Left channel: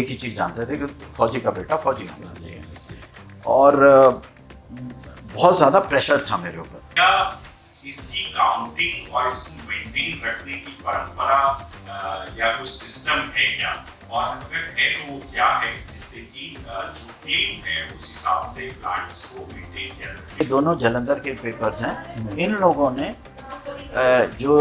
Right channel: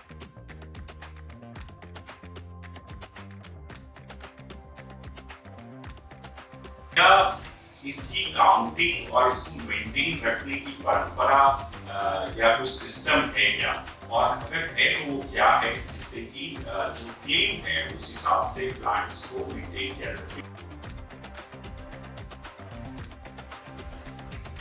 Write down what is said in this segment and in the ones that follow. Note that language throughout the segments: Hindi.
एक ही चीज़ जानते थे कि फौजी का बेटा फौजी होना चाहिए, और बहुत ज़्यादा प्रेशर था मेरे ऊपर। क्या इसकी काउंटिंग और इसको मेंटेन रखने की परंपरा या कुछ सिस्टम है क्या, और अगर है तो वो क्या है, जिससे कि जो क्लेम है उस हिसाब से प्लांट्स को मेंटेन किया जाए? दोनों जलंधर के पेपर्स हैं। इन लोगों ने जो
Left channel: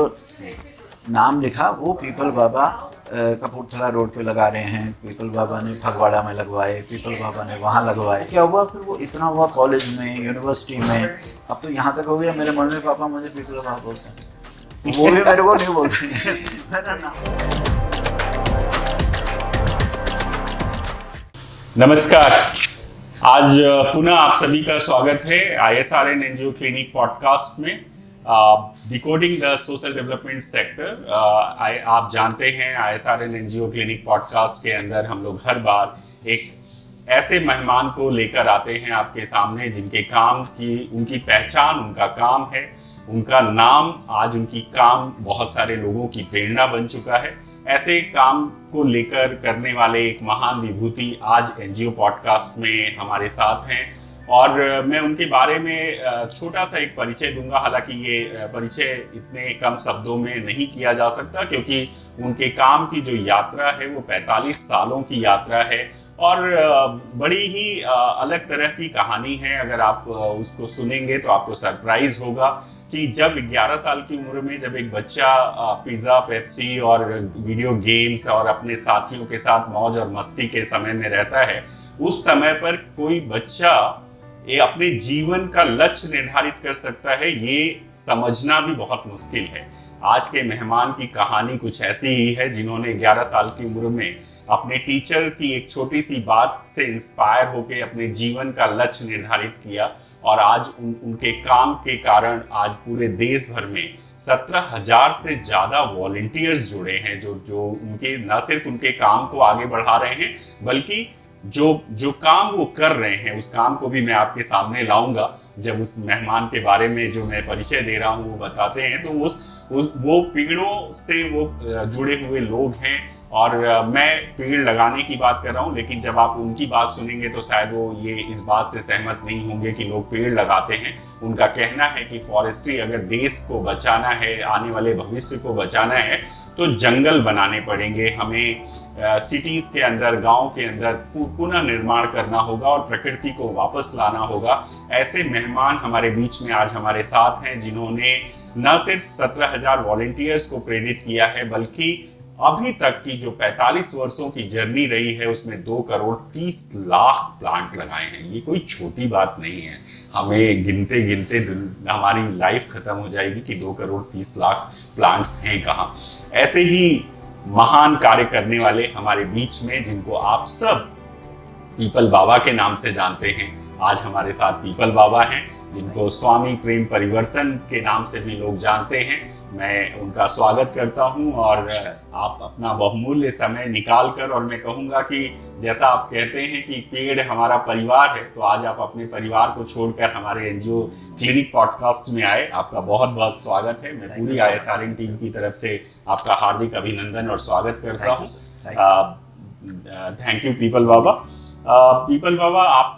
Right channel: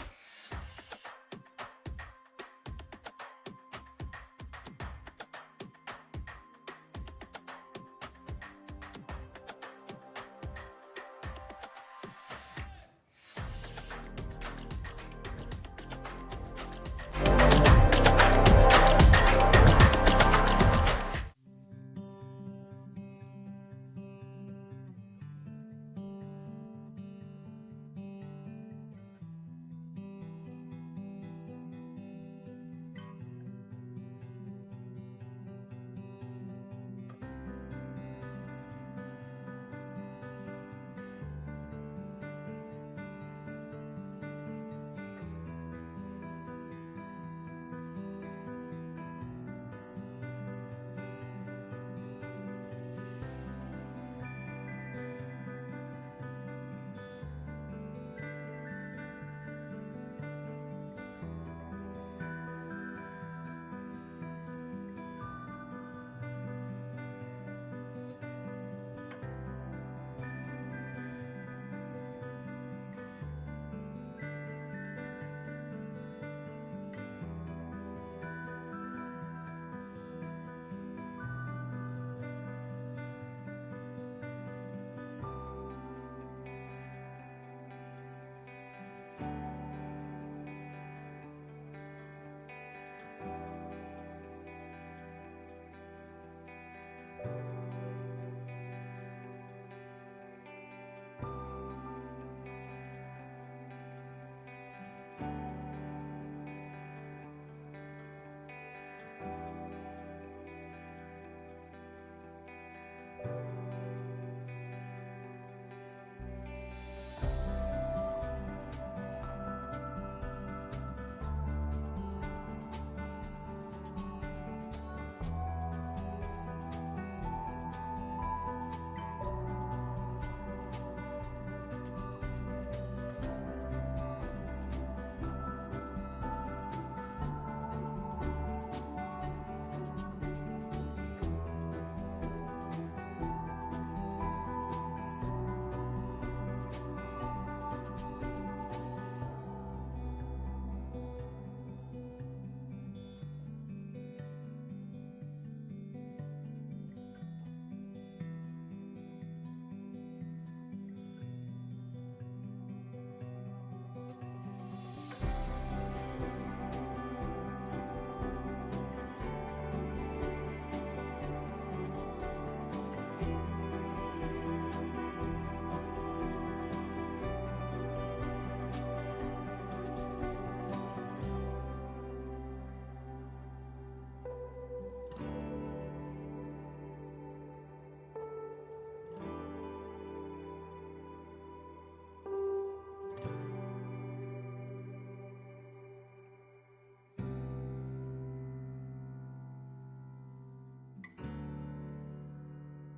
नाम लिखा वो पीपल बाबा कपूरथला रोड पे लगा रहे हैं, पीपल बाबा ने फगवाड़ा में लगवाए, पीपल बाबा ने वहाँ लगवाए। क्या हुआ फिर वो इतना हुआ कॉलेज में, यूनिवर्सिटी में, अब तो यहाँ तक हो गया मेरे मम्मी पापा मुझे पीपल बाबा बोलते हैं, वो भी मेरे को नहीं बोलते मेरा नाम। नमस्कार, आज पुनः आप सभी का स्वागत है ISRN NGO क्लिनिक पॉडकास्ट में, decoding the social development sector. आप जानते हैं ISRN NGO क्लिनिक पॉडकास्ट के अंदर हम लोग हर बार एक ऐसे मेहमान को लेकर आते हैं आपके सामने जिनके काम की, उनकी पहचान, उनका काम है, उनका नाम, आज उनकी काम बहुत सारे लोगों की प्रेरणा बन चुका है। ऐसे काम को लेकर करने वाले एक महान विभूति आज NGO पॉडकास्ट में हमारे साथ हैं, और मैं उनके बारे में छोटा सा एक परिचय दूंगा। हालांकि ये परिचय इतने कम शब्दों में नहीं किया जा सकता, क्योंकि उनके काम की जो यात्रा है वो 45 सालों की यात्रा है, और बड़ी ही अलग तरह की कहानी है। अगर आप उसको सुनेंगे तो आपको सरप्राइज होगा कि जब 11 साल की उम्र में जब एक बच्चा पिज़्ज़ा, पेप्सी और वीडियो गेम्स और अपने साथियों के साथ मौज और मस्ती के समय में रहता है, उस समय पर कोई बच्चा ये अपने जीवन का लक्ष्य निर्धारित कर सकता है, ये समझना भी बहुत मुश्किल है। आज के मेहमान की कहानी कुछ ऐसी ही है, जिन्होंने 11 साल की उम्र में अपने टीचर की एक छोटी सी बात से इंस्पायर होकर अपने जीवन का लक्ष्य निर्धारित किया, और आज उनके काम के कारण आज पूरे देश भर में 17,000 से ज्यादा वॉलंटियर्स जुड़े हैं, जो उनके न सिर्फ उनके काम को आगे बढ़ा रहे हैं, बल्कि जो काम वो कर रहे हैं उस काम को भी मैं आपके सामने लाऊंगा जब उस मेहमान के बारे में जो मैं परिचय दे रहा हूँ वो बताते हैं। तो वो पेड़ों से वो जुड़े हुए लोग हैं, और मैं पेड़ लगाने की बात कर रहा हूँ, लेकिन जब आप उनकी बात सुनेंगे तो शायद वो ये इस बात से सहमत नहीं होंगे कि लोग पेड़ लगाते हैं। उनका कहना है कि फॉरेस्ट्री अगर देश को बचाना है, आने वाले भविष्य को बचाना है, तो जंगल बनाने पड़ेंगे, हमें सिटीज के अंदर, गांव के अंदर पुनः निर्माण करना होगा और प्रकृति को वापस लाना होगा। ऐसे मेहमान हमारे बीच में आज हमारे साथ हैं, जिन्होंने न सिर्फ 17,000 वॉलंटियर्स को प्रेरित किया है, बल्कि अभी तक की जो 45 वर्षों की जर्नी रही है उसमें 2 करोड़ 30 लाख प्लांट लगाए हैं। ये कोई छोटी बात नहीं है। हमें गिनते गिनते हमारी लाइफ खत्म हो जाएगी कि 2 करोड़ 30 लाख प्लांट्स हैं कहाँ। ऐसे ही महान कार्य करने वाले हमारे बीच में, जिनको आप सब पीपल बाबा के नाम से जानते हैं, आज हमारे साथ पीपल बाबा हैं, जिनको स्वामी प्रेम परिवर्तन के नाम से भी लोग जानते हैं। मैं उनका स्वागत करता हूं, और आप अपना बहुमूल्य समय निकाल कर, और मैं कहूंगा कि जैसा आप कहते हैं कि पेड़ हमारा परिवार है, तो आज आप अपने परिवार को छोड़कर हमारे NGO क्लिनिक पॉडकास्ट में आए। आपका बहुत बहुत स्वागत है। मैं पूरी ISRN टीम की तरफ से आपका हार्दिक अभिनंदन और स्वागत करता हूँ। Thank you Peepal Baba. पीपल बाबा, आप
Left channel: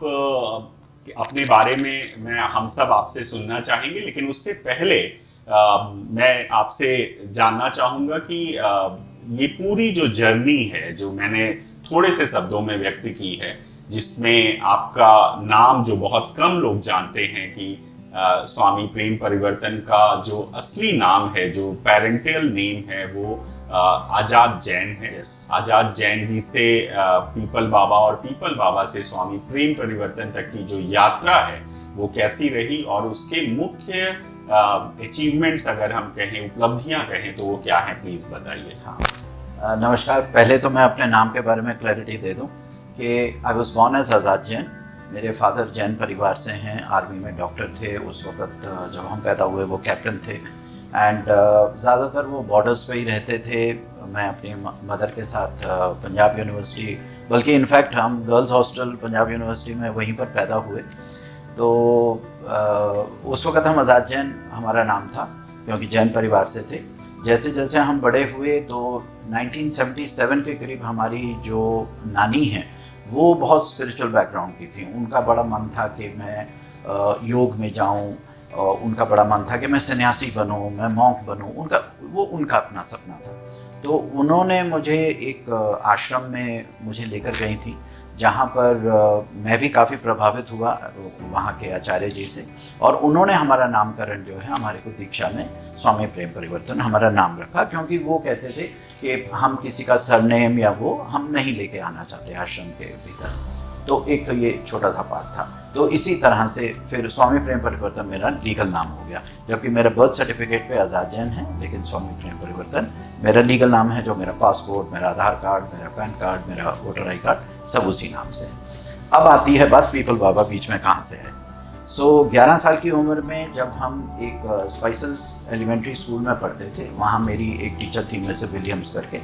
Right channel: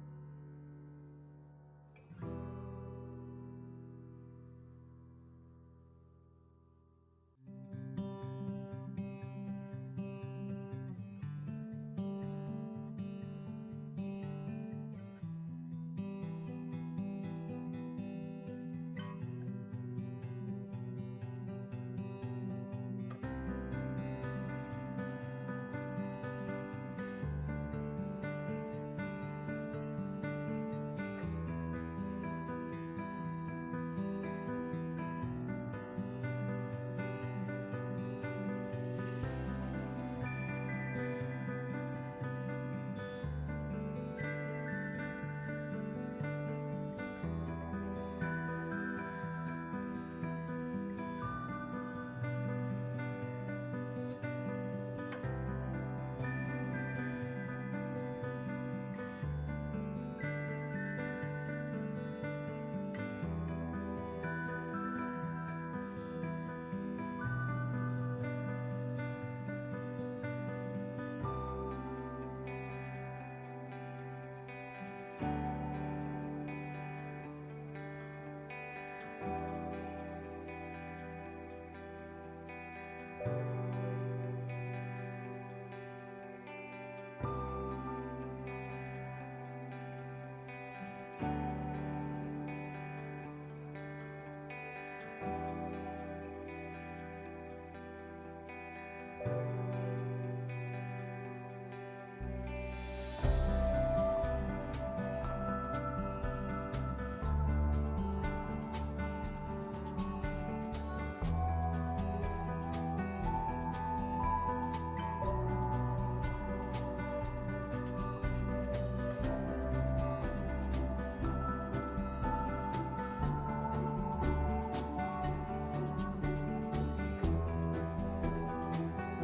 अपने बारे में हम सब आपसे सुनना चाहेंगे, लेकिन उससे पहले मैं आपसे जानना चाहूंगा कि ये पूरी जो जर्नी है, जो मैंने थोड़े से शब्दों में व्यक्त की है, जिसमें आपका नाम जो बहुत कम लोग जानते हैं कि स्वामी प्रेम परिवर्तन का जो असली नाम है, जो पेरेंटियल नेम है, वो आजाद जैन है। आजाद जैन जी से पीपल बाबा, और पीपल बाबा से स्वामी प्रेम परिवर्तन तक की जो यात्रा है वो कैसी रही, और उसके मुख्य अचीवमेंट्स अगर हम कहें, उपलब्धियां कहें, तो वो क्या है, प्लीज बताइए। हाँ, नमस्कार। पहले तो मैं अपने नाम के बारे में क्लैरिटी दे दूं कि आई वाज बोर्न एज आजाद जैन। मेरे फादर जैन परिवार से हैं, आर्मी में डॉक्टर थे। उस वक्त जब हम पैदा हुए वो कैप्टन थे, एंड ज़्यादातर वो बॉर्डर्स पे ही रहते थे। मैं अपनी मदर के साथ पंजाब यूनिवर्सिटी, बल्कि इनफैक्ट हम गर्ल्स हॉस्टल पंजाब यूनिवर्सिटी में वहीं पर पैदा हुए। तो उस वक्त हम आज़ाद जैन हमारा नाम था, क्योंकि जैन परिवार से थे। जैसे जैसे हम बड़े हुए तो 1977 के करीब हमारी जो नानी है वो बहुत स्पिरिचुअल बैकग्राउंड की थी। उनका बड़ा मन था कि मैं योग में जाऊं, उनका बड़ा मन था कि मैं सन्यासी बनूं, मैं मॉन्क बनूं। उनका अपना सपना था। तो उन्होंने मुझे एक आश्रम में मुझे लेकर गई थी, जहाँ पर मैं भी काफ़ी प्रभावित हुआ वहाँ के आचार्य जी से। और उन्होंने हमारा नामकरण जो है हमारे को दीक्षा में स्वामी प्रेम परिवर्तन हमारा नाम रखा, क्योंकि वो कहते थे कि हम किसी का सरनेम या वो हम नहीं लेके आना चाहते आश्रम के भीतर। तो एक तो ये छोटा सा पार्ट था। तो इसी तरह से फिर स्वामी प्रेम परिवर्तन मेरा लीगल नाम हो गया, जबकि मेरा बर्थ सर्टिफिकेट पे आज़ाद जैन है, लेकिन स्वामी प्रेम परिवर्तन मेरा लीगल नाम है। जो मेरा पासपोर्ट, मेरा आधार कार्ड, मेरा पैन कार्ड, मेरा वोटर आई कार्ड सब उसी नाम से है। अब आती है बात पीपल बाबा बीच में कहाँ से है। 11 साल की उम्र में जब हम एक स्पाइसेस एलिमेंट्री स्कूल में पढ़ते थे, वहाँ मेरी एक टीचर थी मिस विलियम्स करके,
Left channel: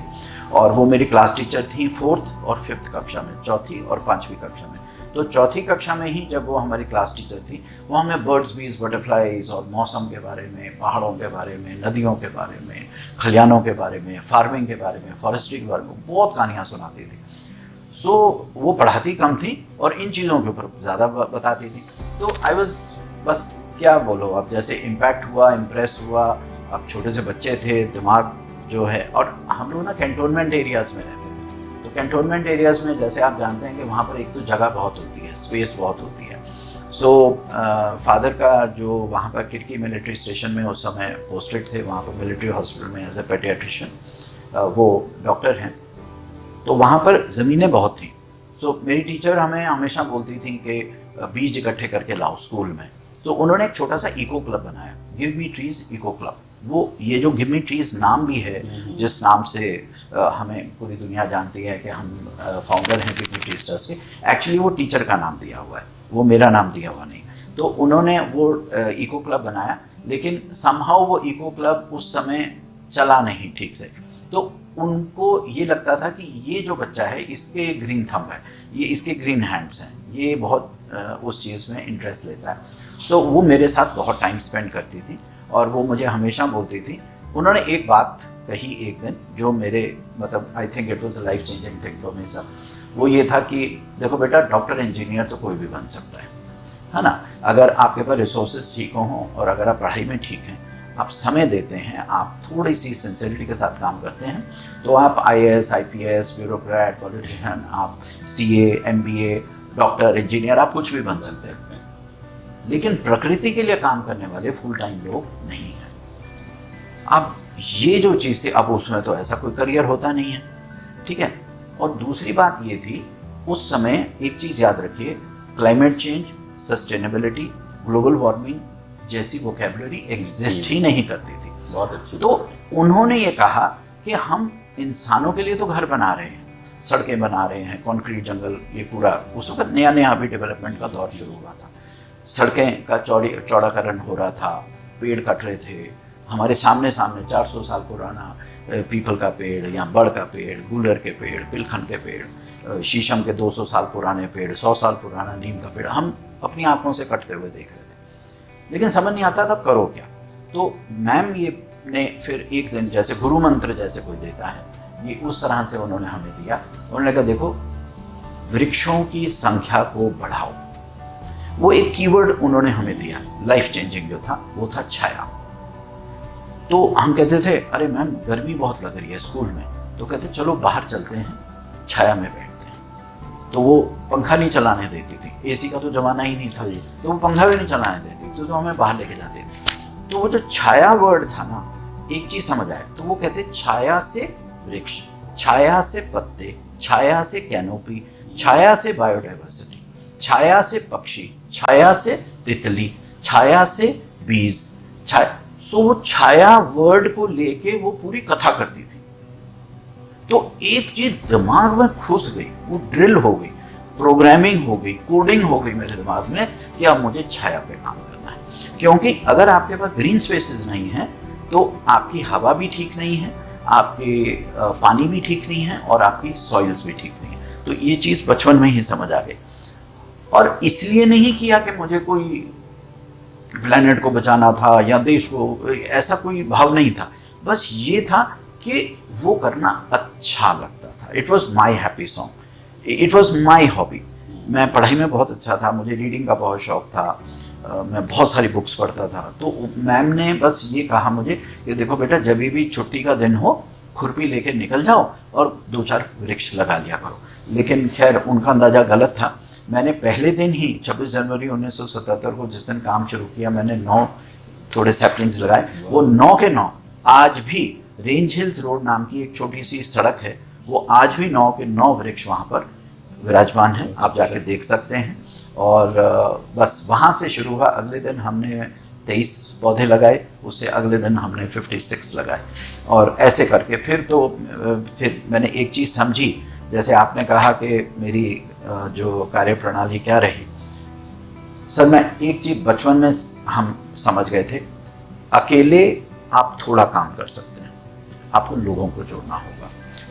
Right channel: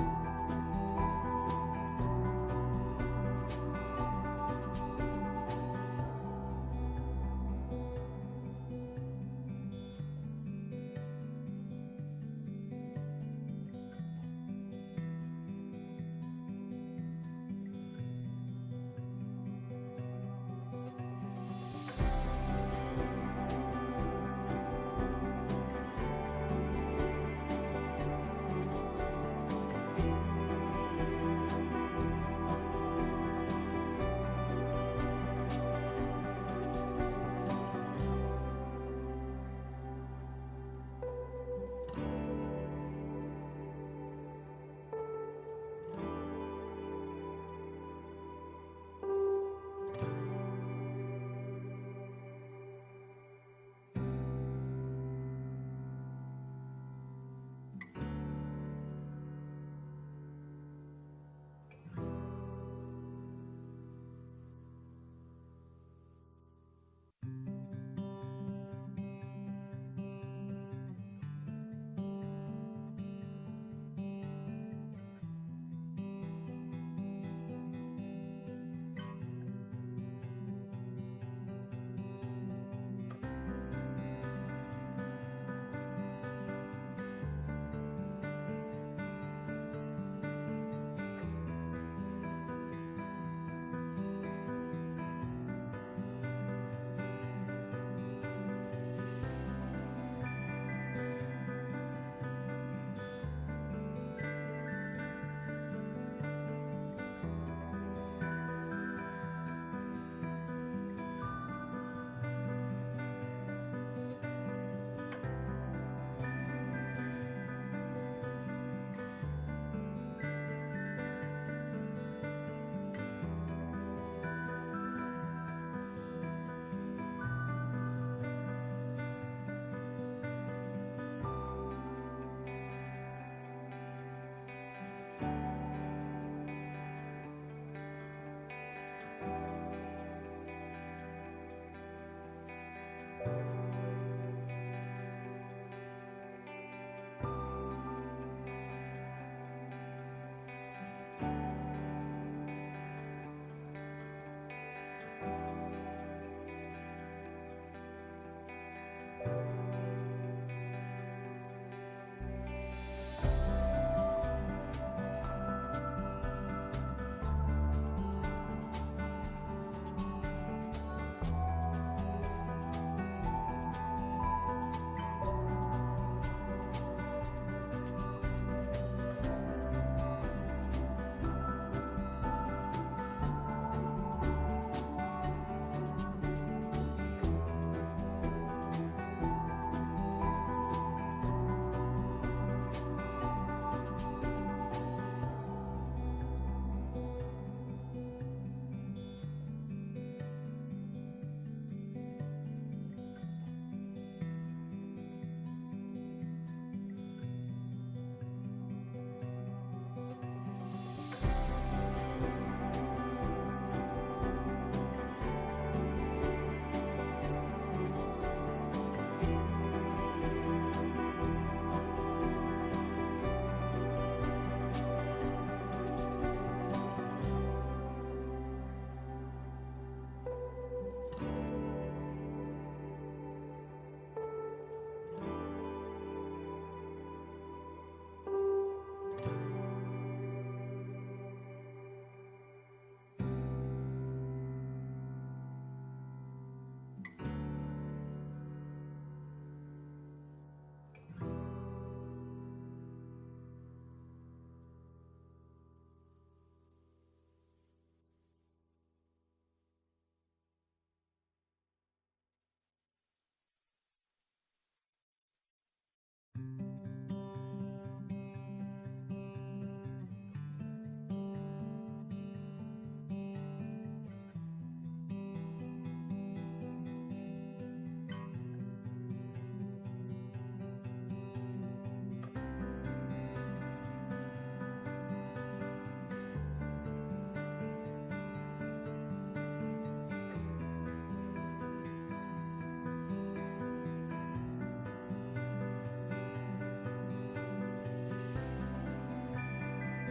और वो मेरी क्लास टीचर थी 4th और 5th कक्षा में, 4th और 5वीं कक्षा में। तो 4th कक्षा में ही जब वो हमारी क्लास टीचर थी, वो हमें बर्ड्स बीज बटरफ्लाइज और मौसम के बारे में, पहाड़ों के बारे में, नदियों के बारे में, खलियानों के बारे में, फार्मिंग के बारे में, फॉरेस्ट्री के बारे में बहुत कहानियाँ सुनाती थी। वो पढ़ाती कम थी और इन चीज़ों के ऊपर ज़्यादा बताती थी। तो आई वॉज, बस क्या बोलो, अब जैसे इम्पैक्ट हुआ, इम्प्रेस हुआ। अब छोटे से बच्चे थे, दिमाग जो है, और हम लोग ना कैंटोनमेंट एरियाज़ में रहते हैं। तो कैंटोनमेंट एरियाज़ में जैसे आप जानते हैं कि वहाँ पर एक तो जगह बहुत होती है, स्पेस बहुत होती है। फादर का जो वहाँ पर किरकी मिलिट्री स्टेशन में उस समय पोस्टेड थे, वहाँ पर मिलिट्री हॉस्पिटल में एज ए पेडियाट्रिशियन वो डॉक्टर हैं। तो वहाँ पर ज़मीनें बहुत थी। मेरी टीचर हमें हमेशा बोलती थी कि बीज इकट्ठे करके लाओ स्कूल में। तो उन्होंने एक छोटा सा इको क्लब बनाया, give me trees eco club. वो ये जो गिव मी ट्रीज नाम भी है, जिस नाम से हमें पूरी दुनिया जानती है कि हम फाउंडर हैं गिव मी ट्रीज ट्रस्ट के, एक्चुअली वो टीचर का नाम दिया हुआ है, वो मेरा नाम दिया हुआ नहीं। तो उन्होंने वो इको क्लब बनाया, लेकिन समहाउ वो इको क्लब उस समय चला नहीं ठीक से। तो उनको ये लगता था कि ये जो बच्चा है, इसके ग्रीन थंब है, ये इसके ग्रीन हैंड्स हैं, ये बहुत उस चीज़ में इंटरेस्ट लेता है। तो वो मेरे साथ बहुत टाइम स्पेंड करती थी और वो मुझे हमेशा बोलती थी। उन्होंने एक बात कही एक दिन जो मेरे मतलब आई think it was a life changing thing for me sir. वो ये था कि देखो बेटा, डॉक्टर इंजीनियर तो कोई भी बन सकता है ना, अगर आपके पास रिसोर्सेज ठीक हों और अगर आप पढ़ाई में ठीक हैं, आप समय देते हैं, आप थोड़ी सी सिंसियरिटी के साथ काम करते हैं, तो आप IAS, IPS, ब्यूरोक्रेट, पॉलिटिशियन, आप CA, MBA, डॉक्टर, इंजीनियर, आप कुछ भी बन सकते हैं। लेकिन प्रकृति के लिए काम करने वाले फुल टाइम लोग नहीं है। अब ये जो चीज़ थी, अब उसमें तो ऐसा कोई करियर होता नहीं है, ठीक है। और दूसरी बात ये थी, उस समय एक चीज़ याद रखिए, climate change, sustainability, global warming जैसी वोकैबुलरी एग्जिस्ट ही नहीं करती थी। बहुत अच्छी। तो उन्होंने ये कहा कि हम इंसानों के लिए तो घर बना रहे हैं, सड़कें बना रहे हैं, कंक्रीट जंगल, ये पूरा उस वक्त नया नया अभी डेवलपमेंट का दौर शुरू हुआ था। सड़कें का चौड़ाकरण हो रहा था, पेड़ कट रहे थे हमारे सामने 400 साल पुराना पीपल का पेड़ या बड़ का पेड़, गूलर के पेड़, पिलखन के पेड़, शीशम के 200 साल पुराने पेड़, 100 साल पुराना नीम का पेड़ हम अपनी आंखों से कटते हुए देख रहे थे। लेकिन समझ नहीं आता था करो क्या। तो मैम ये ने फिर एक दिन जैसे गुरु मंत्र जैसे कोई देता है, ये उस तरह से उन्होंने हमें दिया। उन्होंने कहा देखो, वृक्षों की संख्या को बढ़ाओ। वो एक कीवर्ड उन्होंने हमें दिया, लाइफ चेंजिंग जो था वो था छाया। तो हम कहते थे अरे मैम गर्मी बहुत लग रही है स्कूल में, तो कहते चलो बाहर चलते हैं, छाया में बैठते हैं। तो वो पंखा नहीं चलाने देती थी, AC का तो जमाना ही नहीं था, तो वो पंखा भी नहीं चलाने देती, तो हमें बाहर लेके जाते थे। तो वो जो छाया वर्ड था ना, एक चीज समझ आए, तो वो कहते छाया से वृक्ष, छाया से पत्ते, छाया से कैनोपी, छाया से बायोडाइवर्सिटी, छाया से पक्षी, छाया से तितली, छाया से बीज, छाया। सो वो छाया वर्ड को लेके वो पूरी कथा करती थी। तो एक चीज दिमाग में घुस गई, वो ड्रिल हो गई, प्रोग्रामिंग हो गई, कोडिंग हो गई मेरे दिमाग में कि अब मुझे छाया पे काम करना है। क्योंकि अगर आपके पास ग्रीन स्पेसेस नहीं है तो आपकी हवा भी ठीक नहीं है, आपके पानी भी ठीक नहीं है और आपकी सॉइल्स भी ठीक नहीं है। तो ये चीज़ बचपन में ही समझ आ गई। और इसलिए नहीं किया कि मुझे कोई प्लेनेट को बचाना था या देश को, ऐसा कोई भाव नहीं था। बस ये था कि वो करना अच्छा लगता था। It was my happy song, it was my hobby. मैं पढ़ाई में बहुत अच्छा था, मुझे रीडिंग का बहुत शौक था, मैं बहुत सारी बुक्स पढ़ता था। तो मैम ने बस ये कहा मुझे कि देखो बेटा, जब भी छुट्टी का दिन हो खुरपी लेके निकल जाओ और 2-4 वृक्ष लगा लिया करो। लेकिन खैर उनका अंदाज़ा गलत था। मैंने पहले दिन ही 26 जनवरी 1977 को जिस दिन काम शुरू किया, मैंने 9 थोड़े सैपलिंग्स लगाए। वो 9 के 9 आज भी रेंज हिल्स रोड नाम की एक छोटी सी सड़क है, वो आज भी 9 के 9 वृक्ष वहाँ पर विराजमान है, आप जाके देख सकते हैं। और बस वहाँ से शुरू हुआ। अगले दिन हमने 23 पौधे लगाए, उससे अगले दिन हमने 56 लगाए, और ऐसे करके फिर मैंने एक चीज़ समझी। जैसे आपने कहा कि मेरी जो कार्य प्रणाली क्या रही, सर मैं एक चीज़ बचपन में हम समझ गए थे, अकेले आप थोड़ा काम कर सकते हैं, आपको लोगों को जोड़ना होगा।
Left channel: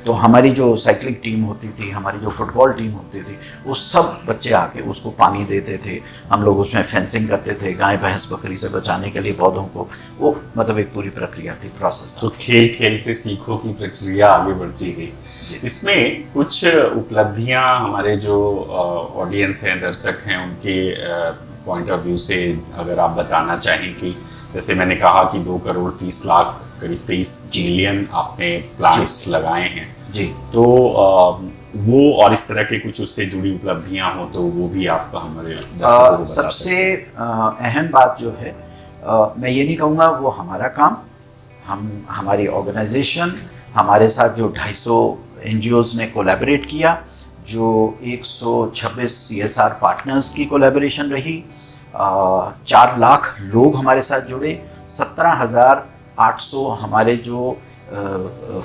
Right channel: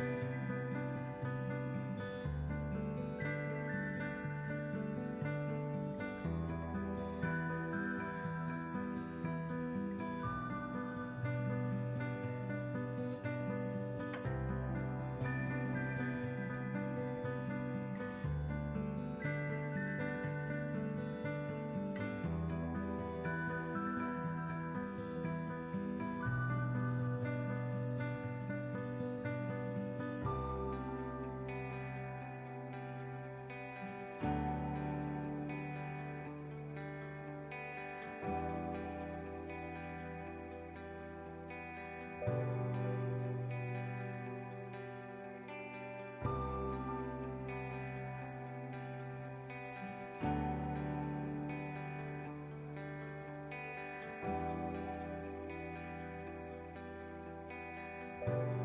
तो हमारी जो साइकिलिंग टीम होती थी, हमारी जो फुटबॉल टीम होती थी, वो सब बच्चे आके उसको पानी देते थे, हम लोग उसमें फेंसिंग करते थे गाय भैंस बकरी से बचाने के लिए पौधों को। वो मतलब एक पूरी प्रक्रिया थी, प्रोसेस। तो खेल खेल से सीखो की प्रक्रिया आगे बढ़ती गई। इसमें कुछ उपलब्धियां हमारे जो ऑडियंस हैं, दर्शक हैं, उनके पॉइंट ऑफ व्यू से अगर आप बताना चाहें कि जैसे मैंने कहा कि 2 करोड़ 30 लाख करीब 23 मिलियन आपने प्लांट्स लगाए हैं जी। तो वो और इस तरह के कुछ उससे जुड़ी उपलब्धियां हो तो वो भी आप हमारे दर्शकों को बता सबसे अहम बात जो है, मैं ये नहीं कहूँगा वो हमारा काम, हमारी ऑर्गेनाइजेशन, हमारे साथ जो 250 NGOs ने कोलैबोरेट किया, जो 126 CSR पार्टनर्स की कोलैबोरेशन रही, 4 लाख लोग हमारे साथ जुड़े, 17,800 हमारे जो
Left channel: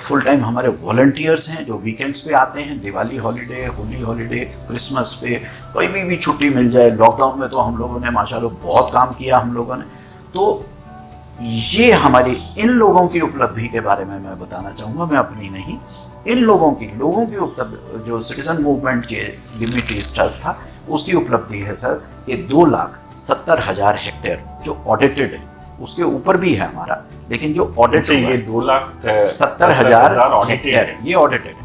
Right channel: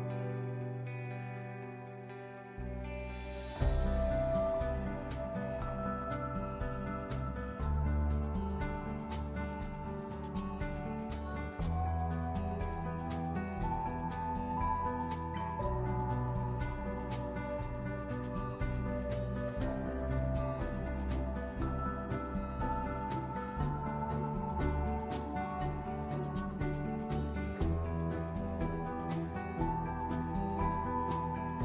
फुल टाइम हमारे वॉलंटियर्स हैं जो वीकेंड्स पे आते हैं, Diwali holiday, Holi holiday, Christmas पे कोई भी छुट्टी मिल जाए। लॉकडाउन में तो हम लोगों ने माशाल्लाह बहुत काम किया हम लोगों ने। तो ये हमारी इन लोगों की उपलब्धि के बारे में मैं बताना चाहूँगा, मैं अपनी नहीं, इन लोगों की उपलब्धि जो सिटीजन मूवमेंट के गिव मी ट्रीज ट्रस्ट था, उसकी उपलब्धि है सर, ये 2,70,000 हेक्टेयर जो ऑडिटेड है, उसके ऊपर भी है हमारा, लेकिन जो ऑडिट ये 2,70,000 हेक्टेयर ये ऑडिटेड है।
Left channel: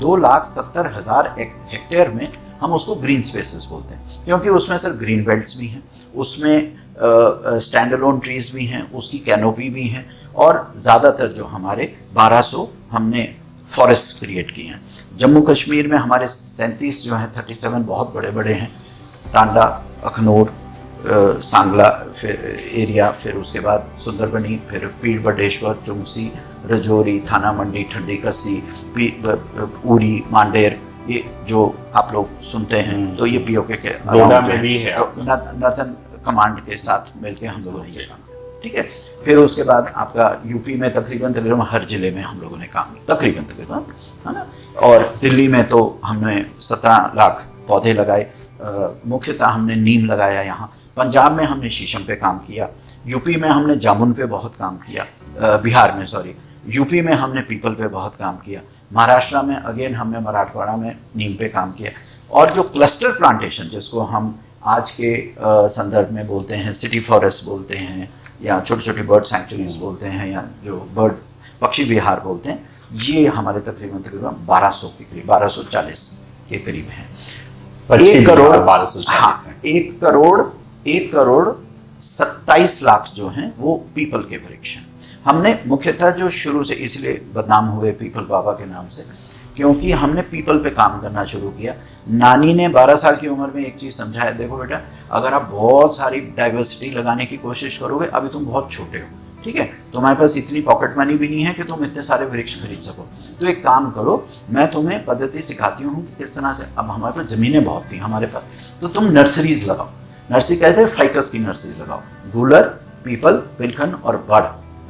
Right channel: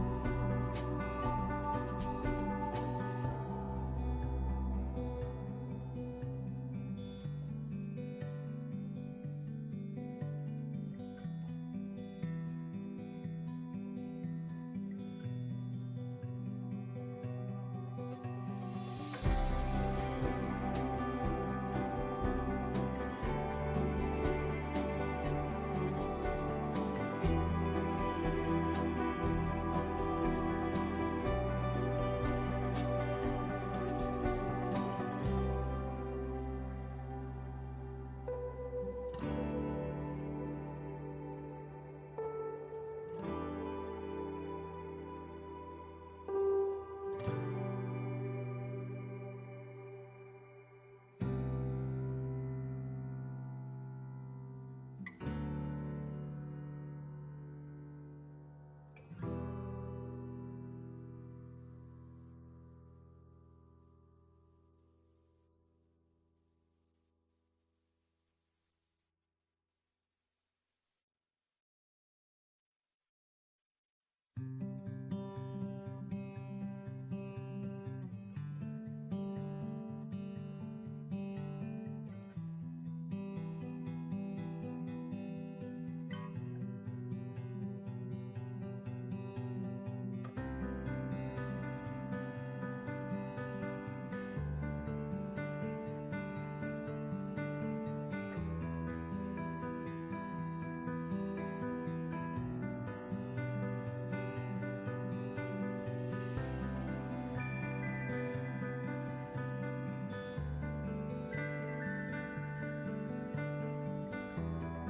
2,70,000 हेक्टेयर में हम उसको ग्रीन स्पेसेस बोलते हैं, क्योंकि उसमें सर ग्रीन बेल्ट्स भी हैं, उसमें स्टैंड अलोन ट्रीज भी हैं, उसकी कैनोपी भी है, और ज़्यादातर जो हमारे 1200 हमने फॉरेस्ट क्रिएट किए हैं। जम्मू कश्मीर में हमारे 37 जो हैं, 37 बहुत बड़े बड़े हैं, टांडा, अखनूर, सांगला फिर एरिया, फिर उसके बाद सुंदरबनी, फिर पीर बटेश्वर, चुंगसी, रजौरी, थाना मंडी, ठंडी कस्सी, उरी, मांडेर, ये जो आप लोग सुनते हैं, तो ये POK के डोडा में भी है, नर्सन कमांड के साथ मिलके हम लोगों ने काम, ठीक है। फिर उसके बाद आपका यूपी में तकरीबन हर जिले में हम लोगों ने काम तकरीबन है ना। और दिल्ली में तो हमने 17 लाख पौधे लगाए, मुख्यतः हमने नीम लगाया यहाँ। पंजाब में हमने शीशम पे काम किया, यूपी में हमने जामुन पे बहुत काम किया, बिहार में यूपी में हमने पीपल पे बहुत काम किया, महाराष्ट्र में अगेन हमने मराठवाड़ा में नीम पे काम किया। और जो क्लस्टर प्लांटेशन जिसको हम आज के संदर्भ में बोलते हैं सिटी फॉरेस्ट बोलते हैं, या छोटी छोटी बर्ड सैंक्चुरीज बोलते हैं, या जो बर्ड पक्षी विहार बोलते हैं, ये हमारे तकरीबन 1200 के करीब, 1240 के करीब हैं। 1 करोड़ 27 लाख जो हैं वो पीपल के वृक्ष हैं। हमने मुख्यतः जो शुरू से इसलिए बदनाम हुए पीपल बाबा के नाम से, क्योंकि हमने पीपल पे काम करना शुरू किया। नानी ने 12 साल की उम्र में एक चीज़ समझाया, देखो बेटा, अगर आप बहुत सारी डाइवर्सिटी लगाने की कोशिश करोगे, अभी तुम बहुत छोटे हो, ठीक है, तुम्हारे पास इतनी पॉकेट मनी भी नहीं है कि तुम इतने सारे वृक्ष खरीद सको, तो एक काम करो, मैं तुम्हें पद्धति सिखाती हूँ कि किस तरह से। अब हमारे पास ज़मीनें बहुत थी हमारे पास, तो तुम नर्सरीज लगाओ। नर्सरी कहते हैं फाइकस की नर्सरी लगाओ, गूलर, पीपल, पिलखन और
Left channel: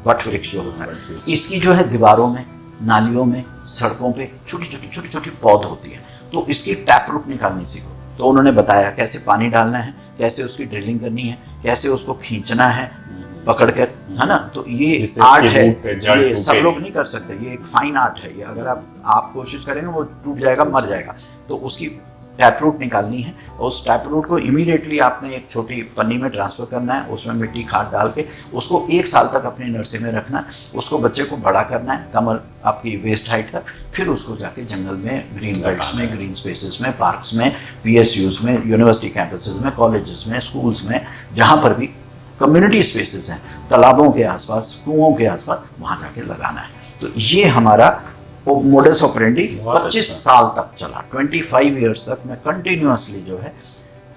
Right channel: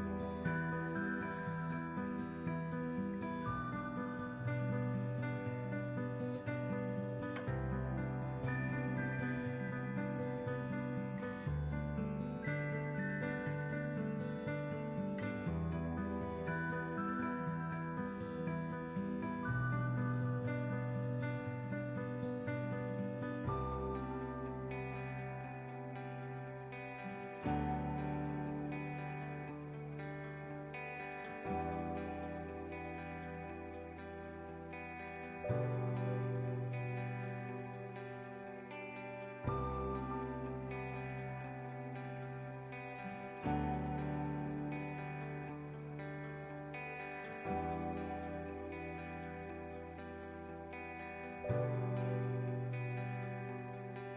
बट वृक्ष जो होता है, इसकी जो है दीवारों में, नालियों में, सड़कों पे छोटी छोटी पौध होती है, तो इसकी टैप रूट निकालनी सीखो। तो उन्होंने बताया कैसे पानी डालना है, कैसे उसकी ड्रिलिंग करनी है, कैसे उसको खींचना है पकड़ कर, है ना। तो ये आर्ट है, ये सब लोग नहीं कर सकते, ये एक फाइन आर्ट है। ये अगर आप कोशिश करेंगे वो टूट जाएगा, मर जाएगा। तो उसकी टैप रूट निकालनी है, उस टैप रूट को इमीडिएटली आपने एक छोटी पन्नी में ट्रांसफ़र करना है, उसमें मिट्टी खाद डाल के उसको 1 साल तक अपनी नर्सरी में रखना है, उसको बच्चे को बड़ा करना है कमर आपकी वेस्ट हाइट तक, फिर उसको जाके जंगल में, ग्रीन बेल्ट्स में, ग्रीन स्पेसेस में, पार्क्स में, PSUs में, यूनिवर्सिटी कैंपसेस में, कॉलेजेस में, स्कूल्स में, जहाँ पर भी कम्युनिटी स्पेसेस हैं, तालाबों के आसपास, कुओं के आसपास, वहाँ जाके लगाना है। तो ये हमारा मोडस ऑपरेंडी 25 साल तक चला, 25 ईयर्स तक मैं कंटिन्यूसली जो है,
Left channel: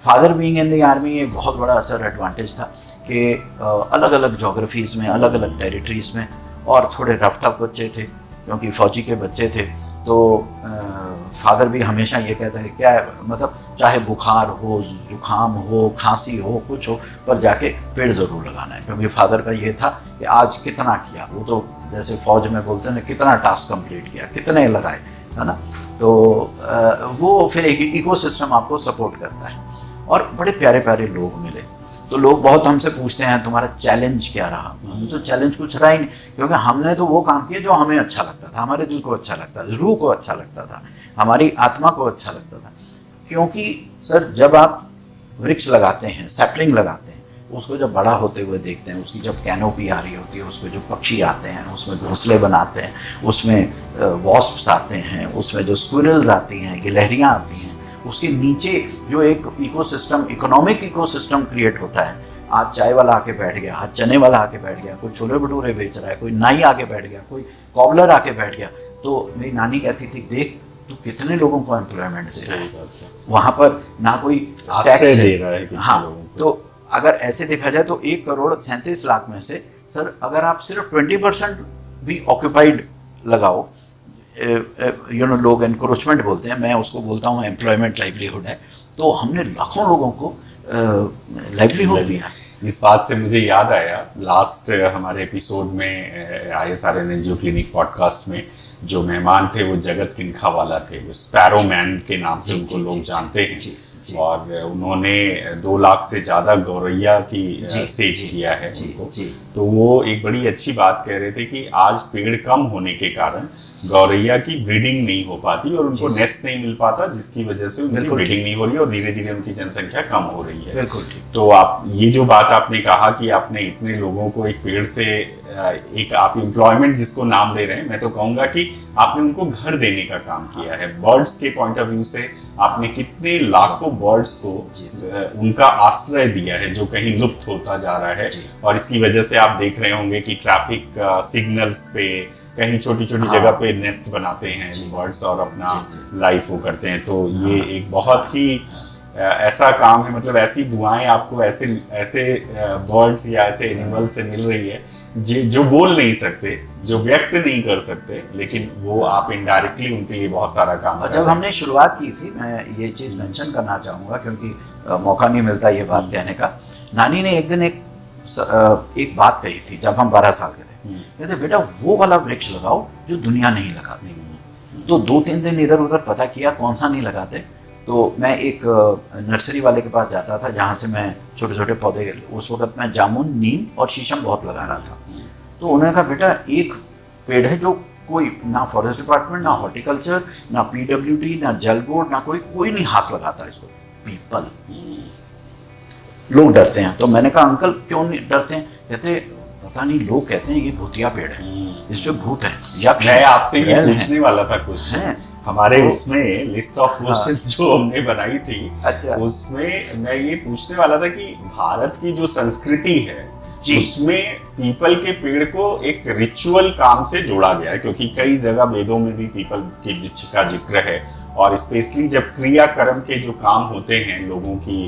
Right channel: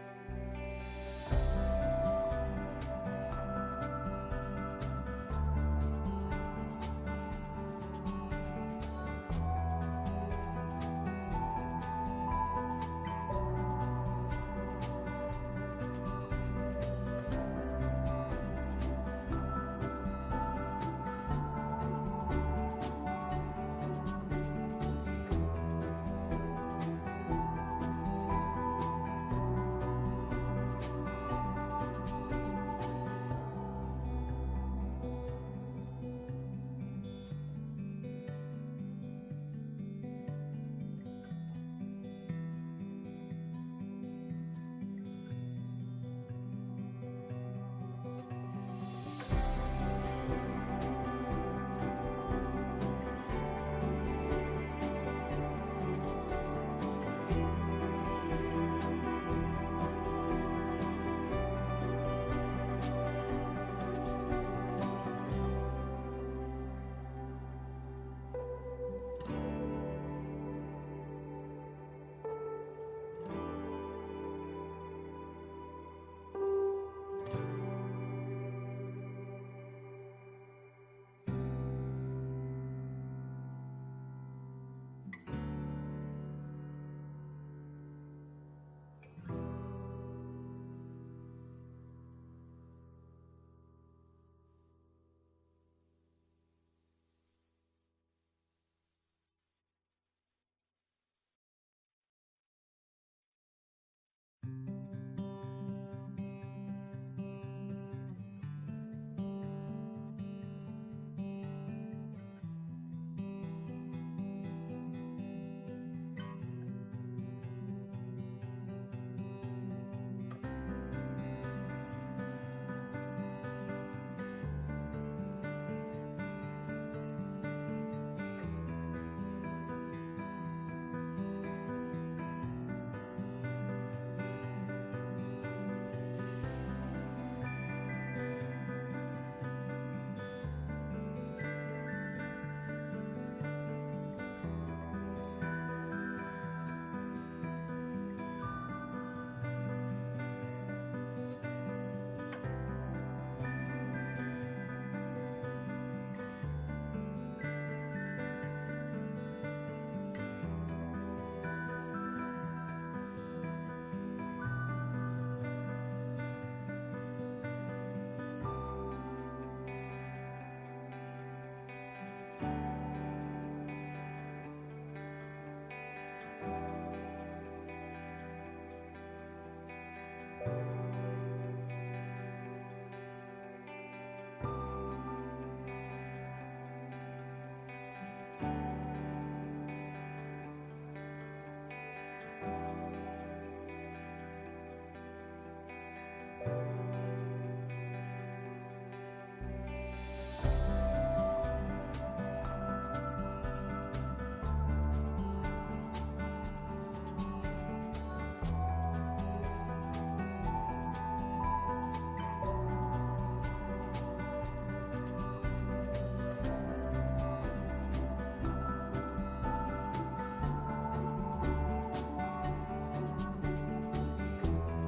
father being in the army एक बहुत बड़ा असर एडवांटेज था कि अलग अलग जोग्राफीज़ में, अलग अलग टेरिटरीज़ में, और थोड़े रफ टफ बच्चे थे क्योंकि फौजी के बच्चे थे, तो फादर भी हमेशा ये कहता है क्या है, मतलब चाहे बुखार हो, जुकाम हो, खांसी हो, कुछ हो, पर जाके पेड़ ज़रूर लगाना है, क्योंकि फादर का ये था कि आज कितना किया, वो तो जैसे फौज में बोलते हैं ना, कितना टास्क कंप्लीट किया, कितने लगाए, है ना। तो वो फिर एक इकोसिस्टम आपको सपोर्ट करता है, और बड़े प्यारे प्यारे लोग मिले। तो लोग बहुत हमसे पूछते हैं तुम्हारा चैलेंज क्या रहा। तो चैलेंज कुछ रहा ही नहीं, क्योंकि हमने तो वो काम किया जो हमें अच्छा लगता था, हमारे दिल को अच्छा लगता था, रूह को अच्छा लगता था, हमारी आत्मा को अच्छा लगता था। क्योंकि सर जब आप वृक्ष लगाते हैं, सैपलिंग लगाते हैं, उसको जब बड़ा होते हुए देखते हैं, उसकी जब कैनोपी आ रही होती है, उसमें जो पक्षी आते हैं, उसमें घोंसले बनाते हैं, उसमें वॉस्प्स आते हैं, उसमें जो स्क्विरल्स आती हैं, गिलहरियाँ आती हैं, उसके नीचे जो एक इकोसिस्टम, इकोनॉमिक इकोसिस्टम क्रिएट होता है। आज चाय वाला आके बैठ गया, आज चने वाला आके बैठ गया, कोई छोले भटूरे बेच रहा है, कोई नाई आके बैठ गया, कोई कॉबलर आके बैठ गया। तो मेरी नानी कहती थी, देख तू कितने लोगों को एम्प्लॉयमेंट दे रहा है, वहाँ पर ना कोई टैक्स दे रहा है। हाँ, तो अगर ऐसे देखा जाए तो 1,37,00,000 में से सर अगर आप सिर्फ 20% भी ऑक्यूपाइड लगाओ, लोग एनक्रोचमेंट बोलते हैं, मैं उसको बोलता हूँ एम्प्लॉयमेंट लाइवलीहुड है, तो हमने लाखों लोगों को लाइवलीहुड दिया। इस बात से मुझे याद आया, लास्ट हमारे एपिसोड में ISRN NGO क्लिनिक पॉडकास्ट में जो मेहमान थे वो जगत किनखावाला थे, वो स्पैरो मैन के नाम से उनको लोग जानते हैं, और उन्होंने 2 लाख से ज़्यादा गौरैया की सेव किया है उनको। तो वो एक बड़ी अच्छी बात कह रहे थे कि आज पेड़ कम होने के कारण गौरैया की ब्रीडिंग नहीं हो पाती और उनको नेस्ट नहीं मिल पाता, जिसकी वजह से उनकी ब्रीडिंग नहीं हो रही और धीरे धीरे उनकी जनसंख्या कम हो रही है। तो आप ये जो बात आपने कहा कि आपने इतने लोगों को एक पेड़ से एक आप एम्प्लॉयमेंट जिसको नाम दे रहे हैं, मैं तो कहूंगा कि आपने उनको घर देने का काम किया है। बर्ड्स के पॉइंट ऑफ व्यू से आपने कितने लाखों बर्ड्स को उनका आश्रय दिया है जो कहीं लुप्त होता जा रहा है, और इसकी वजह से आप देख रहे होंगे कि ट्रैफिक सिग्नल्स पे कहीं छोटी छोटी जगह पे नेस्ट बनाते हैं बर्ड्स और अपना लाइफ वो करते हैं। तो ये एक बहुत ही ऐसा काम है, मतलब ऐसी दुआएं आपको ऐसे ऐसे बर्ड्स या ऐसे एनिमल से मिल रही है जो बोल नहीं सकते, जो व्यक्त नहीं कर सकते, लेकिन वो आप इनडायरेक्टली उनके लिए बहुत सारा काम कर। जब हमने शुरुआत की थी, मैं ये चीज़ मेंशन करना चाहूँगा क्योंकि मौका नहीं मिलता ये बात कहने का। नानी ने एक दिन एक बात कही थी जब हम 12 साल के थे, कहते बेटा वो वाला वृक्ष लगाओ जो दुनिया नहीं लगाती। तो 2-3 दिन इधर उधर पता किया कौन सा नहीं लगाते। तो मैं एक नर्सरी वाले के पास जाता था जहाँ से मैं छोटे छोटे पौधे, उस वक्त मैं जामुन, नीम और शीशम बहुत लगा रहा था। तो उन्होंने कहा बेटा एक पेड़ है जो कोई ना फॉरेस्ट डिपार्टमेंट, ना हॉर्टिकल्चर, ना PWD, ना जल बोर्ड, ना कोई नहीं हाथ लगाता इसको, पीपल। लोग डरते हैं। तो मैंने कहा अंकल क्यों नहीं डरते हैं? कहते पता नहीं, लोग कहते हैं ये भूतिया पेड़ है, इस पे भूत है, यक्ष है। मैं आपसे ये पूछने वाला था क्वेश्चन, हमारे तो, उसमें लिस्ट ऑफ क्वेश्चंस जो हमने बनाई थी, अच्छा, उसमें मैं ये पूछने वाला था कि भारत की जो संस्कृति है उसमें पीपल के पेड़ को एक रिचुअल काम से जोड़ा गया है, क्योंकि कई जगह वेदों में भी पीपल के वृक्ष का जिक्र है, और स्पेशली जब क्रियाकर्म के जो काम होते हैं लोगों की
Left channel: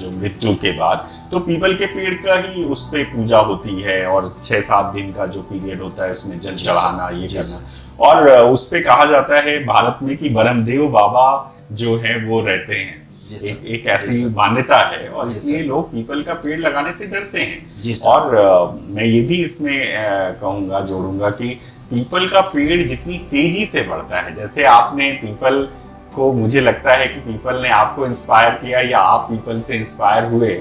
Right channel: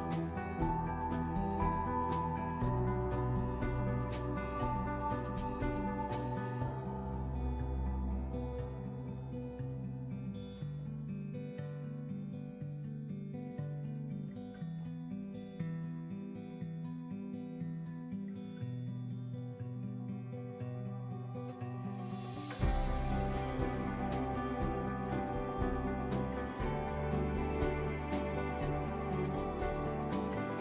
जो मृत्यु के बाद, तो पीपल के पेड़ का ही उस पे पूजा होती है, और 6-7 दिन का जो पीरियड होता है उसमें जल चढ़ाना, ये करना, और उस पे कहा जाता है भारत में कि ब्रह्मदेव बाबा जो है वो रहते हैं, एक ऐसी मान्यता है, और इसलिए लोग पीपल का पेड़ लगाने से डरते हैं। और मैं ये भी इसमें कहूँगा, जोड़ूंगा कि पीपल का पेड़ जितनी तेजी से बढ़ता है, जैसे आपने पीपल को, मुझे लगता है कि पीपल ने आपको इंस्पायर किया या आप पीपल से इंस्पायर हुए,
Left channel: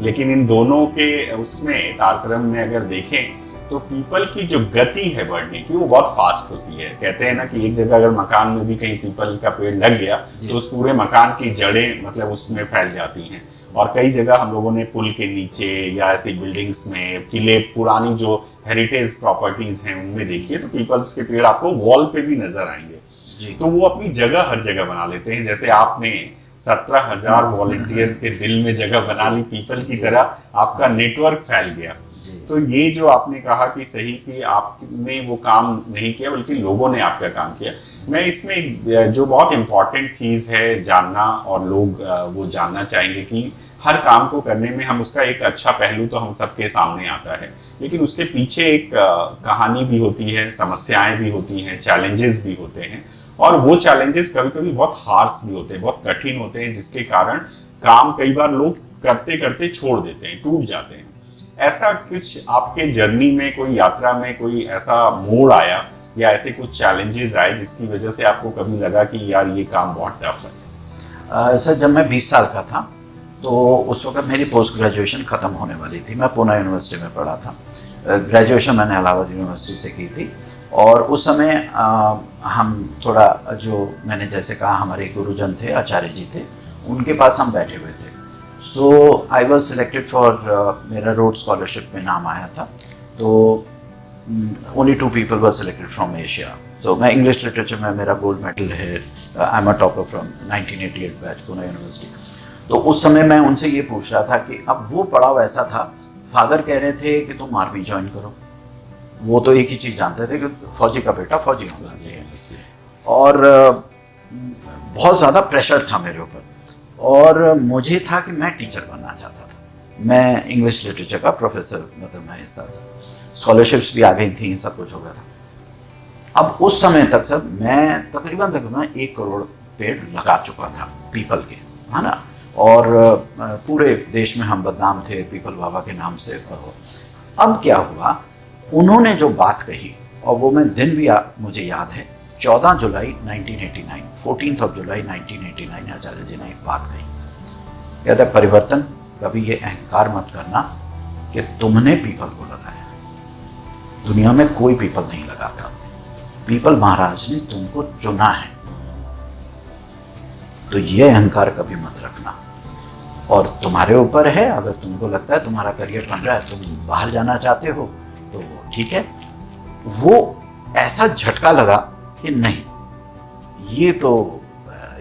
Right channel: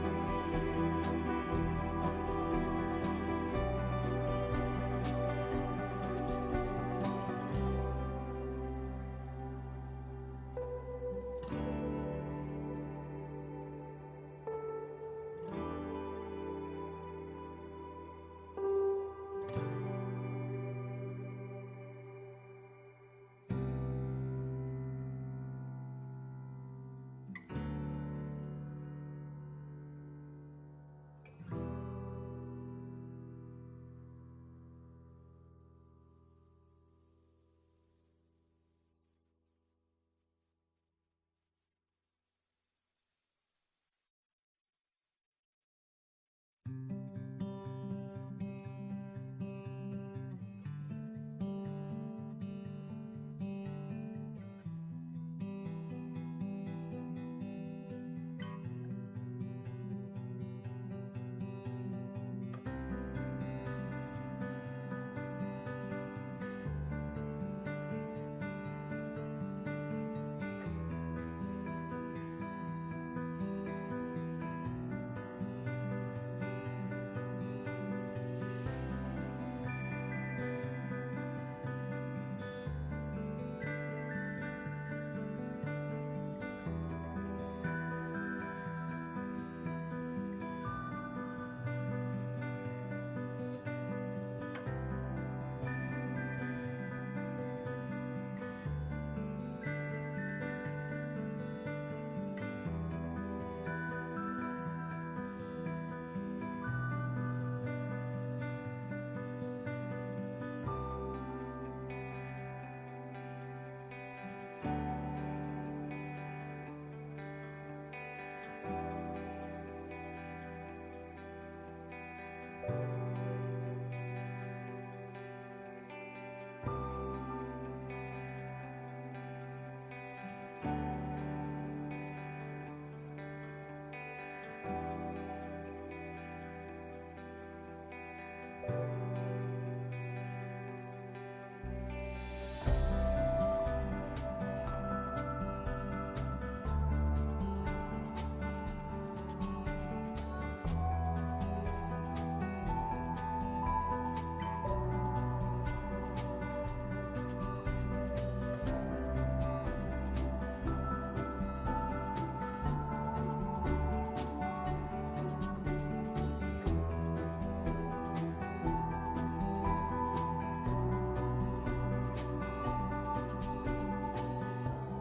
लेकिन इन दोनों के उसमें तारतम्य में अगर देखें तो पीपल की जो गति है बढ़ने की वो बहुत फास्ट होती है। कहते हैं ना कि एक जगह अगर मकान में भी कहीं पीपल का पेड़ लग गया तो उस पूरे मकान की जड़ें मतलब उसमें फैल जाती हैं। और कई जगह हम लोगों ने पुल के नीचे या ऐसी बिल्डिंग्स में, किले, पुरानी जो हेरिटेज प्रॉपर्टीज हैं उनमें देखिए तो पीपल्स के पेड़ आपको वॉल पे भी नजर आएंगे। तो वो अपनी जगह हर जगह बना लेते हैं। जैसे आपने 17,000 वॉलंटियर्स के दिल में जगह बना ली पीपल की तरह, आपका नेटवर्क फैल गया। तो ये जो आपने कहा कि सही कि आपने वो काम नहीं किया बल्कि लोगों ने आपका काम किया। मैं इसमें जो बहुत इम्पोर्टेंट चीज़ है जानना, और लोग वो जानना चाहेंगे कि हर काम को करने में हम उसका एक अच्छा पहलू तो हम सबके सामने आता है, लेकिन उसके पीछे एक कहानी भी होती है, समस्याएं भी होती हैं, चैलेंजेस भी होते हैं। और वो चैलेंजेस कभी कभी बहुत हार्श भी होते हैं, बहुत कठिन होते हैं, जिसके कारण काम कई बार लोग करते करते छोड़ देते हैं, टूट जाते हैं। ऐसा कुछ आपके जर्नी में, कोई यात्रा में कोई ऐसा मोड़ आया या ऐसे कुछ चैलेंजेस आए जिसकी वजह से आपको कभी लगा कि यार ये काम बहुत टफ है? सर, जब मैं 20 साल का था तो उस वक्त मेरी पोस्ट ग्रेजुएशन ख़त्म होने वाली थी। मैं पूना यूनिवर्सिटी में पढ़ा था। ग्रेजुएशन मैंने इलाहाबाद यूनिवर्सिटी से की थी। और उस समय हम थोड़ा, जो मैंने जैसे कहा, हमारे गुरुजन थे, आचार्य जी थे, उनके पास हम बैठे हुए थे। सो आई वॉज सिलेक्टेड फॉर, मेरा रोड स्कॉलरशिप में नाम आया था। तो only 2 people were selected from Asia. तो मैं इंग्लिश लिटरेचर में, मेरा गोल्ड मेडल है। I am a topper from 1988 batch, Poona university. तो उस समय मैं उनसे ये पूछ रहा था कि अब वो पड़ाव ऐसा था, फादर कह रहे थे कि तुम आर्मी ज्वाइन करो। वो तो एक ही चीज़ जानते थे कि फौजी का बेटा फौजी होना चाहिए। और बहुत ज़्यादा प्रेशर था मेरे ऊपर। और मुझे था कि मैं टीचर बनना चाहता था। मैं इंग्लिश लिटरेचर का प्रोफेसर, मतलब मैं इस तरह से, स्कॉलरशिप्स भी आ गई थी, सब कुछ हो गया था। अब उस समय तक सर मैं तकरीबन 1 करोड़ पेड़ लगा चुका था पीपल के, है ना। और पूरे देश में हम बदनाम थे पीपल बाबा के नाम से। अब क्या हुआ, उन्होंने जो बात कही, और वो मैं दिन भी मुझे याद है, 14 जुलाई 1989, 14 जुलाई 1989 आचार्य जी ने एक बात कही। कहते हैं, परिवर्तन, कभी ये अहंकार मत करना कि तुमने पीपल को लगाया। दुनिया में कोई पीपल नहीं लगाता, पीपल महाराज ने तुमको चुना है। तो ये अहंकार कभी मत रखना, और तुम्हारे ऊपर है। अगर तुमको लगता है तुम्हारा करियर बन रहा है, तुम बाहर जाना चाहते हो, तो ठीक है। वो ऐसा झटका लगा कि नहीं, ये तो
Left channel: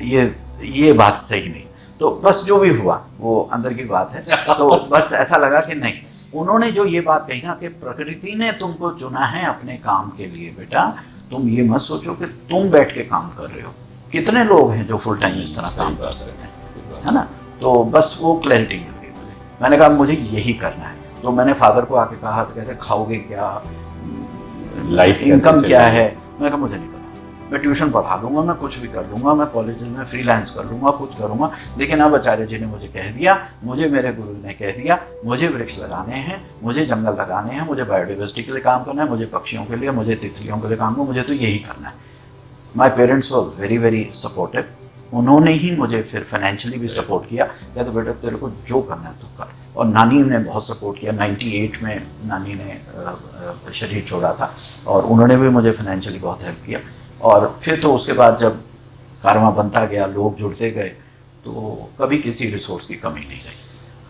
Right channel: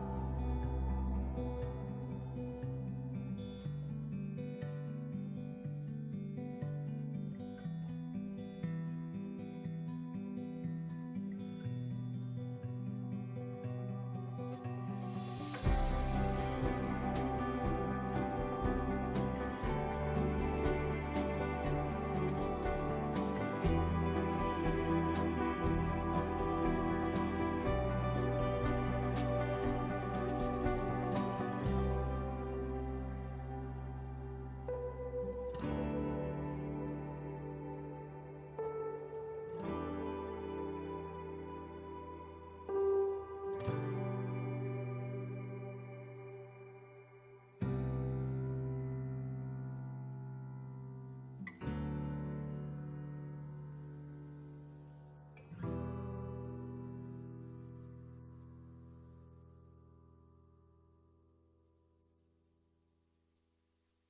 ये बात सही नहीं। तो बस जो भी हुआ वो अंदर की बात है। तो बस ऐसा लगा कि नहीं, उन्होंने जो ये बात कही ना कि प्रकृति ने तुमको चुना है अपने काम के लिए, बेटा तुम ये मत सोचो कि तुम बैठ के काम कर रहे हो। कितने लोग हैं जो फुल टाइम इस तरह काम कर सकते हैं, है ना। तो बस वो क्लैरिटी मिल गई। मैंने कहा मुझे यही करना है। तो मैंने फादर को आके कहा, कहते खाओगे क्या, लाइफ इनकम क्या है। मैंने कहा मुझे नहीं पता, मैं ट्यूशन पढ़ा लूंगा, मैं कुछ भी कर लूंगा, मैं कॉलेज में फ्रीलांस कर लूंगा, कुछ करूंगा। लेकिन अब आचार्य जी ने मुझे कह दिया, मुझे मेरे गुरु ने कह दिया, मुझे वृक्ष लगाने हैं, मुझे जंगल लगाने हैं, मुझे बायोडाइवर्सिटी के लिए काम करना है, मुझे पक्षियों के लिए, मुझे तितलियों के लिए काम करना, मुझे तो यही करना है। My parents were very very supportive. उन्होंने ही मुझे फिर फाइनेंशियली भी सपोर्ट किया। क्या तो बेटा तेरे को जो करना है तो कर। और नानी ने बहुत सपोर्ट किया। 98 में नानी ने शरीर छोड़ा था, और उन्होंने भी मुझे फाइनेंशियली बहुत हेल्प किया। और फिर तो उसके बाद जब कारवां बनता गया, लोग जुड़ते गए, तो कभी किसी रिसोर्स की कमी नहीं रही।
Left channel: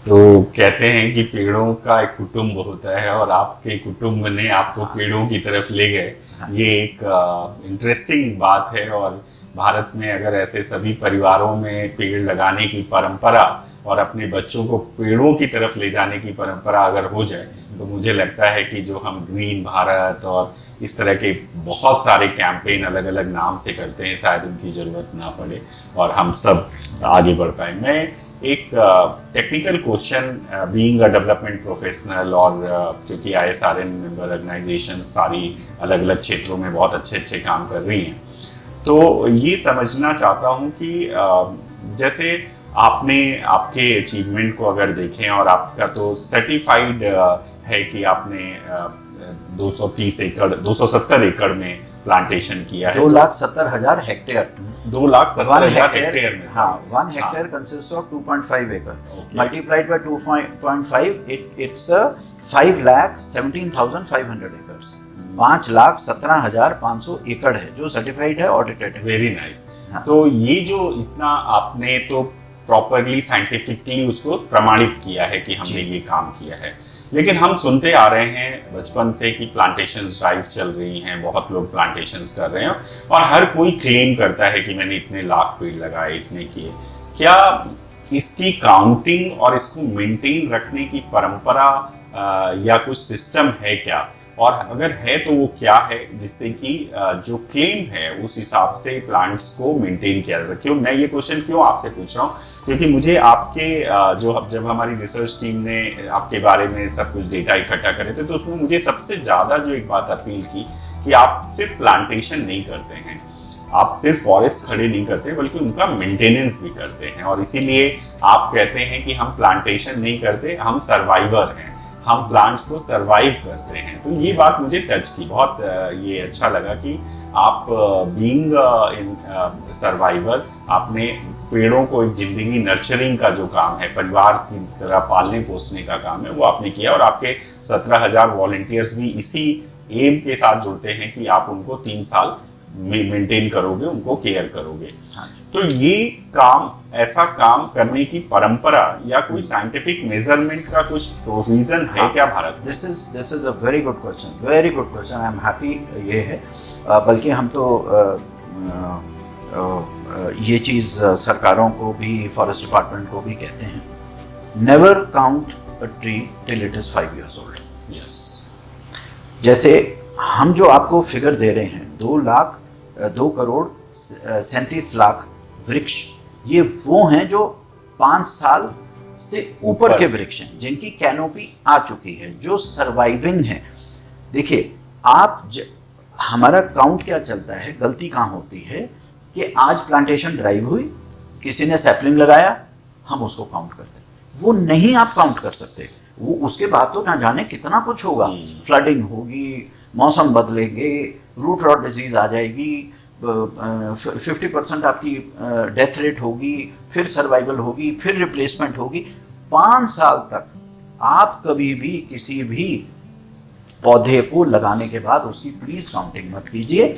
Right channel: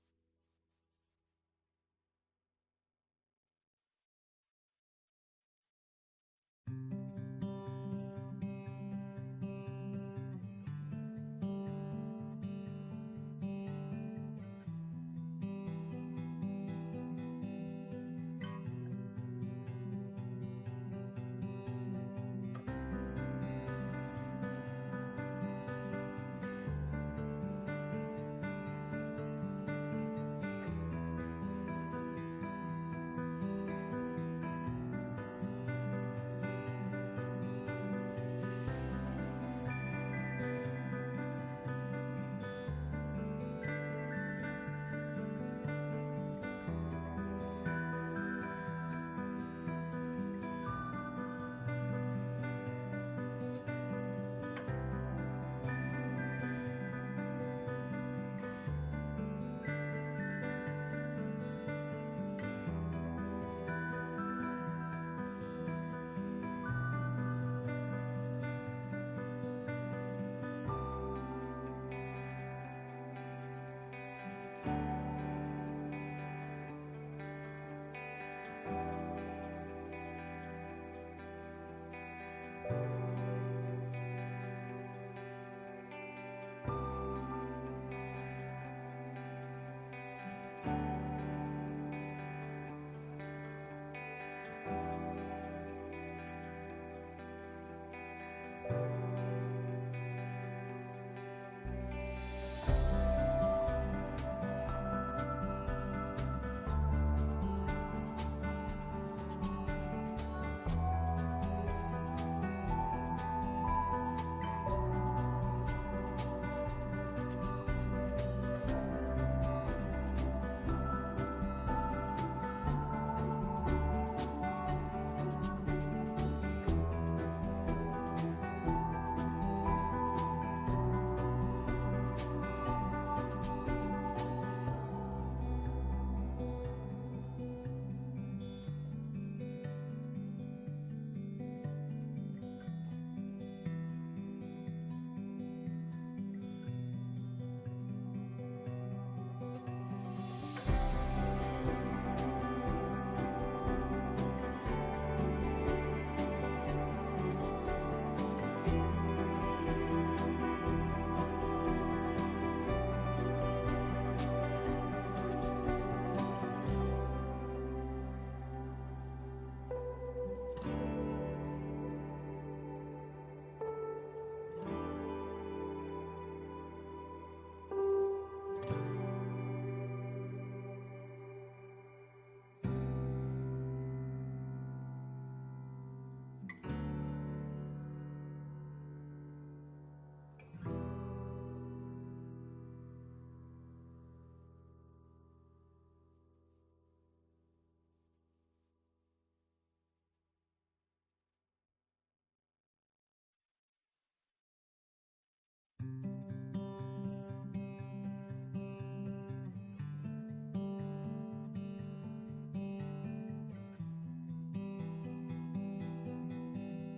तो कहते हैं कि पेड़ों का एक कुटुंब होता है, और आपके कुटुंब ने आपको पेड़ों की तरफ ले गए। ये एक इंटरेस्टिंग बात है। और भारत में अगर ऐसे सभी परिवारों में पेड़ लगाने की परंपरा और अपने बच्चों को पेड़ों की तरफ ले जाने की परंपरा अगर हो जाए, तो मुझे लगता है कि जो हम ग्रीन भारत और इस तरह के बहुत सारे कैंपेन अलग अलग नाम से करते हैं, शायद उनकी ज़रूरत ना पड़े और हम सब आगे बढ़ पाए। मैं एक technical question, being a development professional, और क्योंकि ISRN मेंबर ऑर्गेनाइजेशन सारी अलग अलग क्षेत्रों में बहुत अच्छे अच्छे काम कर रही हैं, तो ये समझना चाहता हूँ कि जैसे आपने आपके अचीवमेंट को अगर देखें, और आपका तो सर्टिफाइड है कि आपने 230 एकड़ 270 एकड़ में प्लांटेशन किया है। 2,70,000 हेक्टेयर, 2,70,000 हेक्टेयर में। हाँ, 1 hectare consists of 2.5 acre. Multiplied by 2.5, it's 5,17,500 एकड़, 5,17,500 एकड़ है जो सर्टिफाइड है, ऑडिटेड है। Very nice. हाँ। तो ये जो इतना आपने तो प्रॉपरली साइंटिफिकली उसको प्रमाणित किया है कि हमने ये काम किया है, लेकिन हम सुनते आ रहे हैं बचपन से कि प्लांटेशंस ड्राइव चल रही हैं, बहुत लोग प्लांटेशंस कर रहे हैं और हर कोई क्लेम करता है कि मैंने इतने लाख पेड़ लगाए, इतने किए। क्या इसकी काउंटिंग और इसको मेंटेन रखने की परंपरा या कुछ सिस्टम है क्या, और अगर है तो वो क्या है, जिससे कि जो क्लेम है उस हिसाब से प्लांट्स को मेंटेन किया जाता है? क्यों मैं ये क्वेश्चन क्यों आपसे पूछ रहा हूँ, क्योंकि मुझे आपके जब हमारी रिसर्च टीम ने आपके बारे में सब कुछ डेटा इकट्ठा करे थे, तो उसमें मुझे सबसे ज्यादा जो एक बात अपील की कि आप सिर्फ प्लांटेशन नहीं करते हैं, आप सिर्फ फॉरेस्ट खड़े नहीं करते बल्कि उनका मेंटेनेंस भी करते हैं, और इसीलिए आप कहते हैं कि हम प्लांटेशन नहीं करते, हम सर्वाइवर हैं, हम प्लांट्स को सरवाइव करते हैं। तो ये बात मुझे टच की, बहुत ये अच्छा लगा कि आप बीइंग इन सर्वाइवर, आपने पेड़ों को एक जिंदगी नर्चरिंग का जो काम है, परिवार की तरह पालने पोसने का काम है, वो आपने किया, और आपके 17,000 वॉलंटियर्स भी इसी एम के साथ जुड़ते हैं कि आप उनको 3 साल मेंटेन करोगे, उनको केयर करोगे। तो ये काम, ऐसा काम करने की परंपरा या कोई साइंटिफिक मेजरमेंट का कुछ प्रोविजन है क्या भारत में? This is a very good question, very good question. I am happy ये है, बल्कि हम तो ये चीज़ सरकारों को भी, फॉरेस्ट डिपार्टमेंट को भी कहते हैं, never count a tree till it is 5 years old। जैसे हम जो आपको फिगर दे रहे हैं, 2 करोड़ 37 लाख वृक्ष, ये वो हैं जो 5 साल से ऊपर के वृक्ष हैं, जिनकी कैनोपी आ चुकी है, जो सर्वाइविंग है। देखिए हमारा काउंट क्या चलता है, गलती कहाँ होती है कि आज प्लांटेशन ड्राइव हुई, किसी ने सैपलिंग लगाया, हम उसको काउंट करते, वो नहीं आप काउंट कर सकते। वो उसके बाद तो ना जाने कितना कुछ होगा, फ्लडिंग होगी, मौसम बदलेंगे, रूट रॉट डिजीज आ जाएगी, 50% आपकी डेथ रेट होगी, फिर सर्वाइवल होगी, फिर रिप्लेसमेंट होगी। 5 साल तक आप कभी भी किसी भी पौधे को लगाने के बाद उसकी प्लीज काउंटिंग मत कीजिए।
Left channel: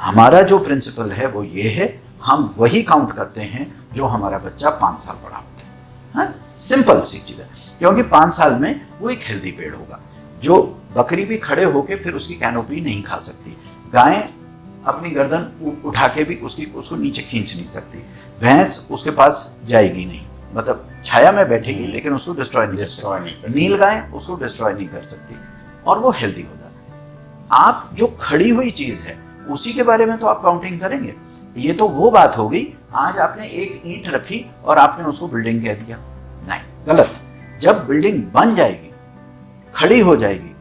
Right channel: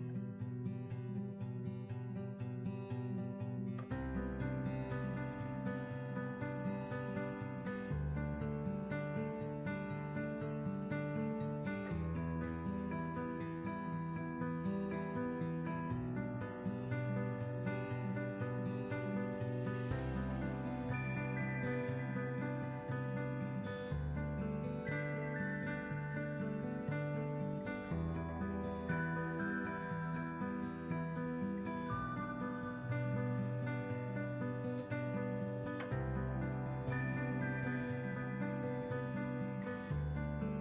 हमारा जो प्रिंसिपल है वो ये है, हम वही काउंट करते हैं जो हमारा बच्चा 5 साल बड़ा होता है। सिंपल सी चीज है, क्योंकि 5 साल में वो एक हेल्दी पेड़ होगा। जो बकरी भी खड़े होके फिर उसकी कैनोपी नहीं खा सकती, गाय अपनी गर्दन उठा के भी उसको नीचे खींच नहीं सकती, भैंस उसके पास जाएगी नहीं, मतलब छाया में बैठेगी लेकिन उसको डिस्ट्रॉय नहीं कर, नील गाय उसको डिस्ट्रॉय नहीं कर सकती, और वो हेल्दी होता है। आप जो खड़ी हुई चीज है उसी के बारे में तो आप काउंटिंग करेंगे। ये तो वो बात हो गई, आज आपने एक ईंट रखी और आपने उसको बिल्डिंग कह दिया, नहीं, गलत। जब बिल्डिंग बन जाएगी, खड़ी हो जाएगी,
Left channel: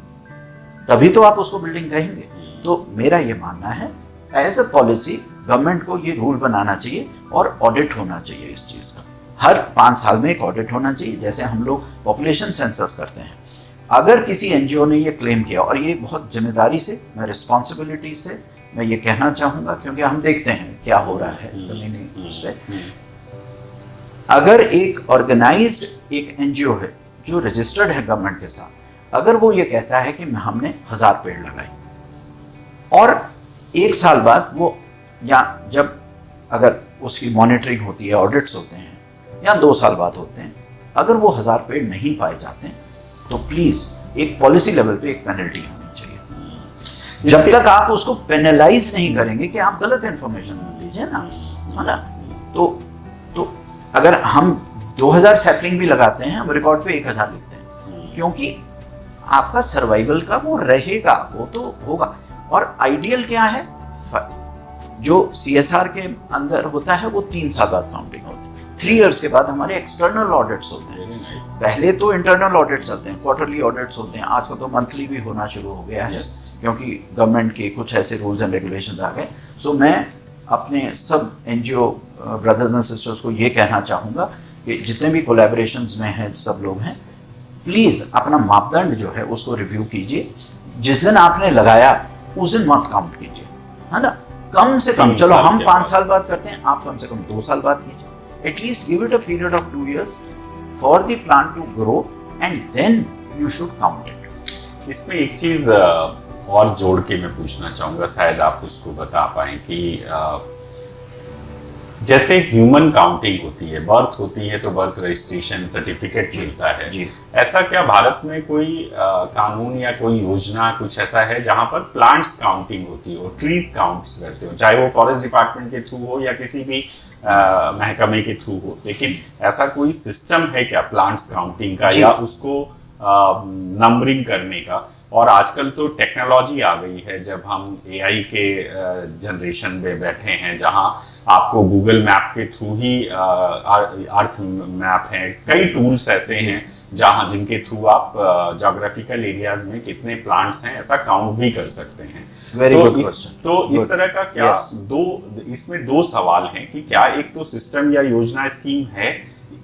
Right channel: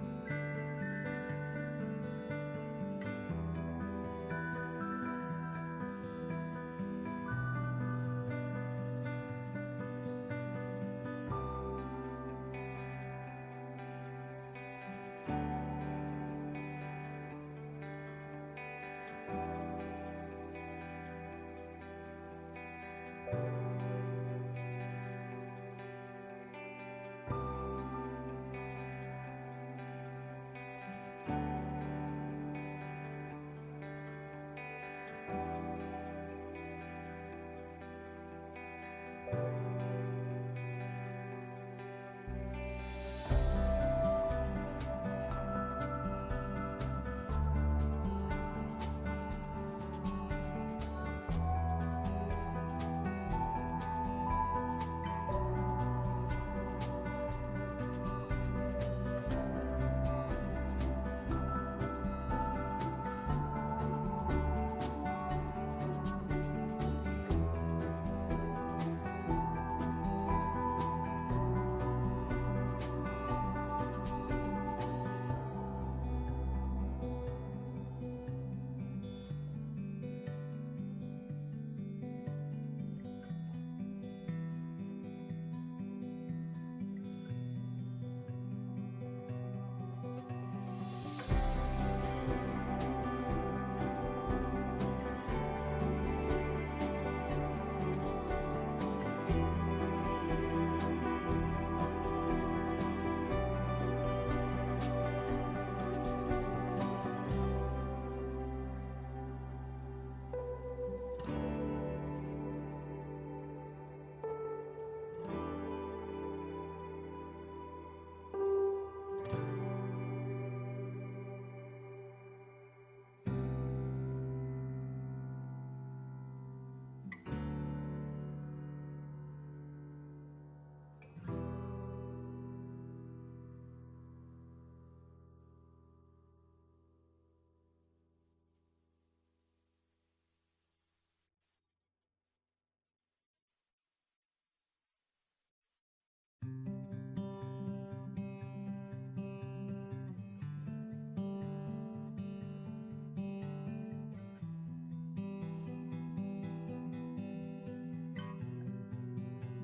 तभी तो आप उसको बिल्डिंग कहेंगे। तो मेरा ये मानना है, एज अ पॉलिसी गवर्नमेंट को ये रूल बनाना चाहिए और ऑडिट होना चाहिए इस चीज का। हर 5 साल में एक ऑडिट होना चाहिए, जैसे हम लोग पॉपुलेशन सेंसस करते हैं। अगर किसी एनजीओ ने ये क्लेम किया, और ये बहुत जिम्मेदारी से, मैं रिस्पॉन्सिबिलिटी से मैं ये कहना चाहूंगा, क्योंकि हम देखते हैं क्या हो रहा है जमीनी उस पे। अगर एक ऑर्गेनाइज्ड एक एनजीओ है जो रजिस्टर्ड है गवर्नमेंट के साथ, अगर वो ये कहता है कि हमने 1000 पेड़ लगाए, और 1 साल बाद वो, या जब अगर उसकी मॉनिटरिंग होती है, ऑडिट्स होते हैं, या 2 साल बाद होते हैं, अगर वो 1000 पेड़ नहीं पाए जाते हैं, तो प्लीज एक पॉलिसी लेवल पे एक पेनल्टी होनी चाहिए। जब तक आप उसको पेनलाइज नहीं करेंगे कि आप गलत इंफॉर्मेशन दीजिए ना, है ना, तो अगर हम 2000 सैपलिंग भी लगाते हैं, हम रिकॉर्ड पे 1000 लिखते हैं, क्योंकि आपका सर्वाइवल का वो रहेगा, वो तो होगा। और आइडियल क्या है, जो CSR के अंदर होता है वो 3 साल बाद काउंटिंग होती है, 3 years के बाद हमारे एक्सटर्नल ऑडिट्स होते हैं। पहले तो इंटरनल ऑडिट्स चलते हैं, क्वार्टरली ऑडिट्स होते हैं, आजकल तो मंथली भी होना शुरू हो गया है, क्योंकि गवर्नमेंट के कुछ ऐसे रूल्स एंड रेगुलेशंस आ गए। सो मैं अपने सब एनजीओ ब्रदर्स एंड सिस्टर्स को ये कहना चाहूँगा कि जितने भी कोलैबोरेशंस में हैं, सब लोग हैं, प्लीज़ अपना मापदंड जो है उसको रिव्यू कीजिए। जिस दिन आपने लगाया उस दिन मत काउंट कीजिए, है ना, कम से कम। चलो हम 5 साल बाद करते हैं, आप कम से कम 2 साल बाद कीजिए। At least give it a period of 2 years for the plant to grow, and then you should count it. इसमें एक चीज और जोड़ के मैं पूछना चाहूंगा, शायद आप उसको बता पाए कि जैसे ह्यूमन काउंटिंग होती है, बर्थ होती है तो बर्थ रजिस्ट्रेशन सर्टिफिकेट मिलता है जी। ऐसा क्या भारत में कोई कानून या कोई योजना कुछ ऐसा है जहां पर प्लांट्स काउंटिंग होती हो, ट्रीज काउंट्स करते हो, चाहे वो फॉरेस्ट डिपार्टमेंट के थ्रू हो या किसी भी महकमे के थ्रू हो, लेकिन ऐसा कोई सिस्टम है क्या प्लांट्स काउंटिंग का या उसको नंबरिंग करने का? और आजकल तो टेक्नोलॉजी आ गई है, जब हम एआई के जनरेशन में बैठे हैं जहां आपको गूगल मैप के थ्रू ही अर्थ मैप है, कई टूल्स ऐसे हैं जहां जिनके थ्रू आप ज्योग्राफिकल एरियाज में कितने प्लांट्स हैं ऐसा काउंट भी कर सकते हैं। तो इस तरह का क्या इसमें दो सवाल हैं कि क्या एक तो सिस्टम या योजना स्कीम है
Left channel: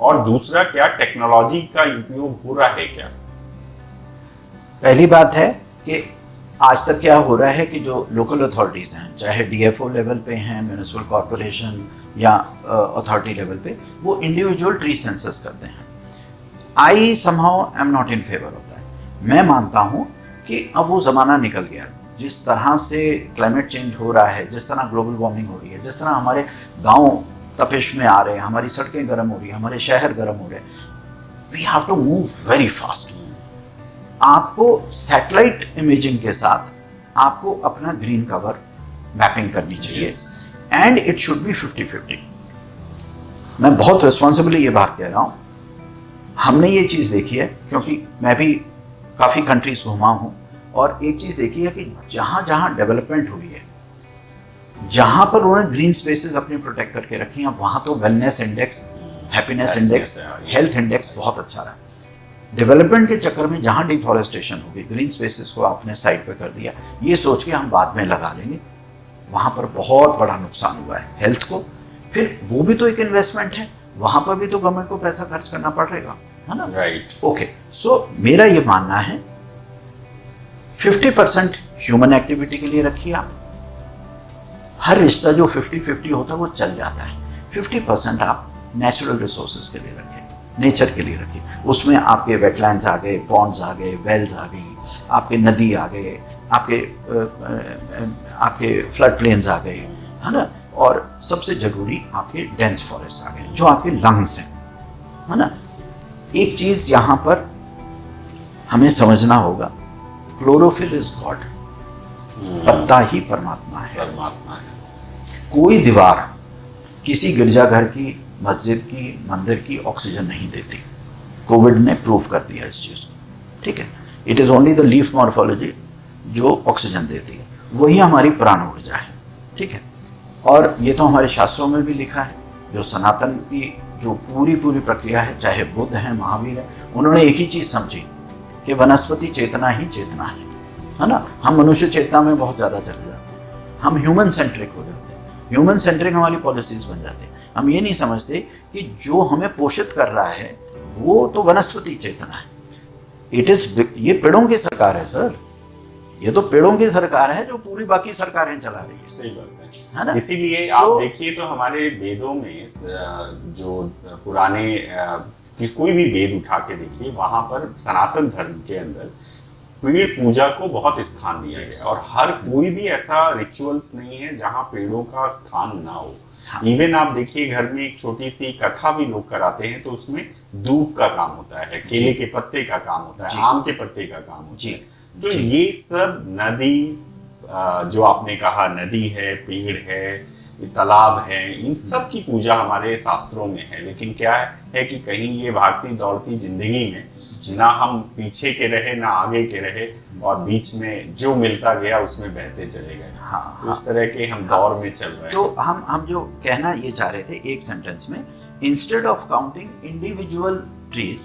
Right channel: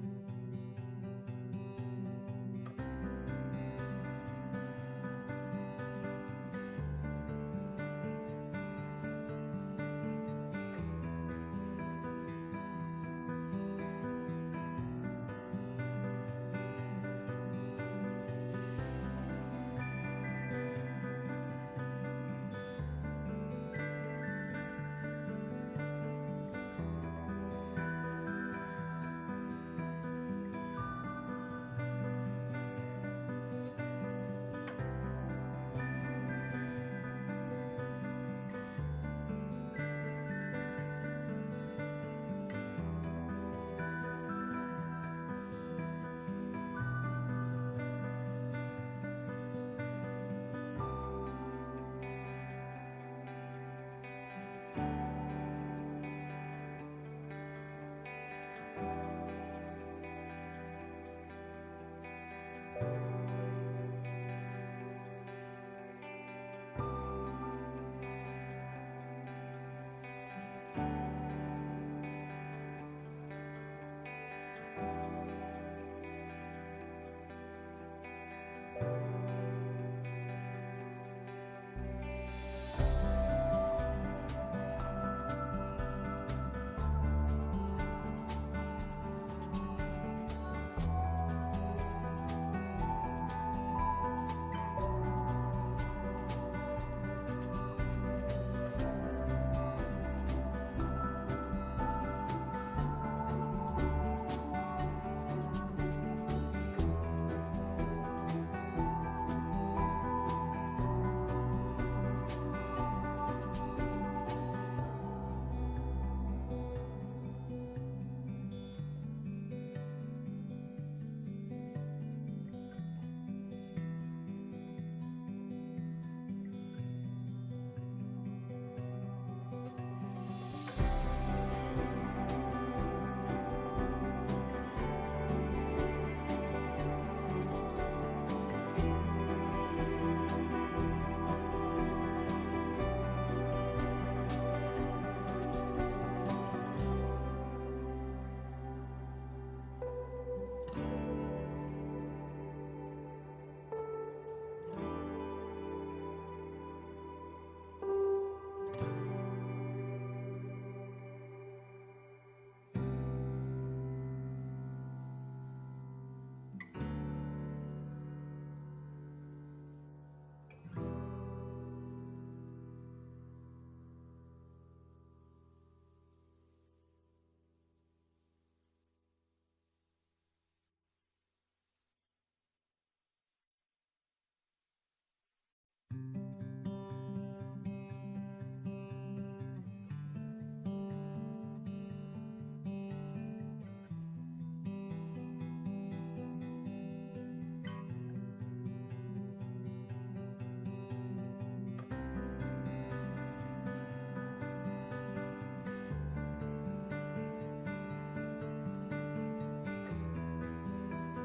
और दूसरा क्या टेक्नोलॉजी का उपयोग हो रहा है क्या? पहली बात है कि आज तक क्या हो रहा है कि जो लोकल अथॉरिटीज हैं, चाहे डीएफओ लेवल पे हैं, म्यूनिसिपल कॉर्पोरेशन या अथॉरिटी लेवल पे, वो इंडिविजुअल ट्री सेंसस करते हैं। I somehow am not in favour होता है। मैं मानता हूँ कि अब वो ज़माना निकल गया। जिस तरह से क्लाइमेट चेंज हो रहा है, जिस तरह ग्लोबल वार्मिंग हो रही है, जिस तरह हमारे गाँव तपिश में आ रहे हैं, हमारी सड़कें गर्म हो रही हैं, हमारे शहर गर्म हो रहे हैं, we have to move very fast. आपको सैटेलाइट इमेजिंग के साथ आपको अपना ग्रीन कवर मैपिंग करनी चाहिए एंड इट शुड बी 50-50। मैं बहुत रिस्पॉन्सिबली ये बात कह रहा हूँ। हमने ये चीज़ देखी है क्योंकि मैं भी काफ़ी कंट्रीज घुमा हूँ और एक चीज़ देखी है कि जहाँ जहाँ डेवलपमेंट हुई है, जहाँ पर उन्होंने ग्रीन स्पेसेस अपनी प्रोटेक्ट करके रखी हैं, वहाँ तो wellness index, happiness index, health index बहुत अच्छा रहा। डेवलपमेंट के चक्कर में जहाँ डिफॉरेस्टेशन हो गई, ग्रीन स्पेसेस को आपने साइड पे कर दिया, ये सोच के हम बाद में लगा लेंगे, वहाँ पर बहुत बड़ा नुकसान हुआ है हेल्थ को। फिर वो भी तो एक इन्वेस्टमेंट है, वहाँ पर भी तो गवर्नमेंट को पैसा खर्च करना पड़ेगा, है ना? राइट। ओके, सो मेरा ये मानना है 50% ह्यूमन एक्टिविटी के लिए रखिए आप। हर रिश्ता जो 50-50 होता है वो चल जाता है। 50% आप नेचुरल रिसोर्सेज के लिए रखें, नेचर के लिए रखिए। उसमें आपके वेटलैंड्स आ गए, पॉन्ड्स आ गए, वेल्स आ गई, आपके नदी आ गए, आपके फ्लड प्लेन्स आ गए, है ना? और सबसे जरूरी आपके डेंस फॉरेस्ट आ गए जो आपके लंग्स हैं, है ना? एक चीज यहाँ पर हमें समझना होगा, क्लोरोफिल इज गॉड, पत्ता ही परमात्मा है। कोई दीवार किसी गिरजाघर की, मस्जिद की, मंदिर की ऑक्सीजन नहीं देती। कोविड ने प्रूव कर दिया इस चीज को, ठीक है? It is only the leaf morphology जो ऑक्सीजन देती है, वही हमारी प्राण ऊर्जा है, ठीक है? और ये तो हमारे शास्त्रों में भी लिखा है। जो सनातन की जो पूरी प्रक्रिया है, चाहे बुद्ध है, महावीर है, उन्होंने एक ही चीज समझी कि वनस्पति चेतना ही चेतना है ना? हम मनुष्य चेतना में बहुत ज्यादा चल जाते हैं, हम ह्यूमन सेंट्रिक हो जाते हैं, ह्यूमन सेंट्रिक हमारी पॉलिसीज बन जाते हैं। हम ये नहीं समझते कि जो हमें पोषित कर रहा है वो तो वनस्पति चेतना है। इट इज, ये पेड़ों की सरकार है सर, ये तो पेड़ों की सरकार है जो पूरी बाकी सरकारें चला रही है। सही बात है ना? इसीलिए आप देखिए तो हमारे वेदों में जो पुराने कोई भी वेद उठा के देखिए, वहां पर सनातन धर्म के अंदर पेड़ पूजा को बहुत स्थान दिया गया और हर कोई भी ऐसा रिचुअल्स नहीं है जहां पेड़ों का स्थान ना हो। इवन आप देखिए घर में एक छोटी सी कथा भी लोग कराते हैं तो उसमें दूब का काम होता है, केले के पत्ते का काम होता है, आम के पत्ते का काम होता है। तो ये सब नदी, जो आपने कहा नदी है, पेड़ है, तालाब है, इन सब की पूजा हमारे शास्त्रों में है। लेकिन क्या है कि कहीं ये भागती दौड़ती जिंदगी में ना हम पीछे के रहे ना आगे के रहे और बीच में जो मिलता गया उसमें बहते चले गए। तो इस तरह के हम दौर में चल रहे हैं। तो हम जो कहना ये चाह रहे थे एक सेंटेंस में, instead of counting individual trees,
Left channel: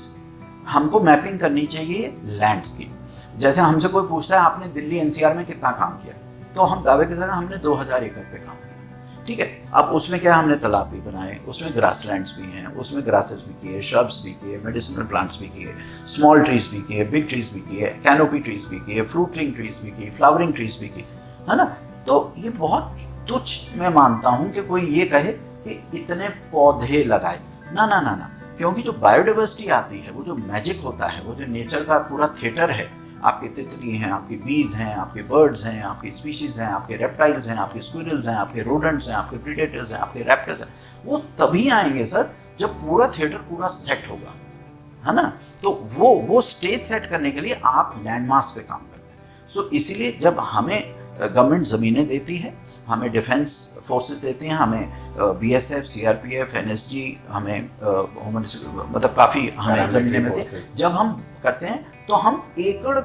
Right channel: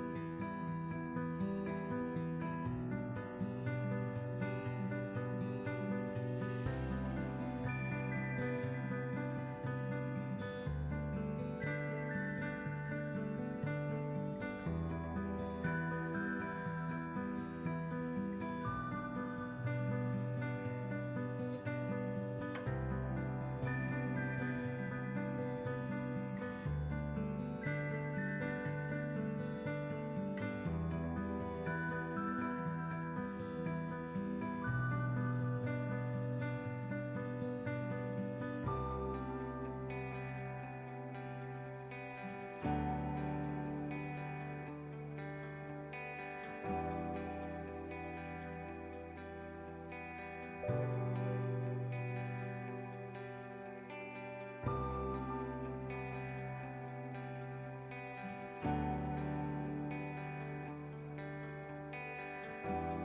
हमको मैपिंग करनी चाहिए लैंड्स की। जैसे हमसे कोई पूछता है आपने दिल्ली एनसीआर में कितना काम किया, तो हम दावे के साथ हमने 2000 एकड़ पे काम किया, ठीक है? अब उसमें क्या, हमने तालाब भी बनाए, उसमें ग्रासलैंड्स भी हैं, उसमें ग्रासेस भी किए, श्रब्स भी किए, मेडिसिनल प्लांट्स भी किए, स्मॉल ट्रीज भी किए, बिग ट्रीज भी किए, कैनोपी ट्रीज भी किए, फ्रूटिंग ट्रीज भी किए, फ्लावरिंग ट्रीज भी किए, है ना? तो ये बहुत तुच्छ मैं मानता हूँ कि कोई ये कहे कि इतने पौधे लगाए, ना ना ना ना, क्योंकि जो बायोडाइवर्सिटी आती है, वो जो जो मैजिक होता है, वो जो नेचर का पूरा थिएटर है, आपके तितली हैं, आपकी बीज हैं, आपके बर्ड्स हैं, आपकी स्पीशीज हैं, आपके रेप्टाइल्स हैं, आपके स्क्विरल्स हैं, आपके रोडेंट्स हैं, आपके प्रीडेटर्स हैं, आपके रैप्टर्स हैं, वो तभी आएंगे सर जब पूरा थिएटर पूरा सेट होगा, है ना। तो वो स्टेज सेट करने के लिए आप लैंडमार्क्स पे काम करते हैं। सो इसीलिए जब हमें गवर्नमेंट ज़मीनें देती है, हमें डिफेंस फोर्सेस देती हैं, हमें BSF, CRPF, NSG, हमें मतलब काफ़ी हमें ज़मीनें मिलती हैं। जब हम करते हैं तो हम एकड़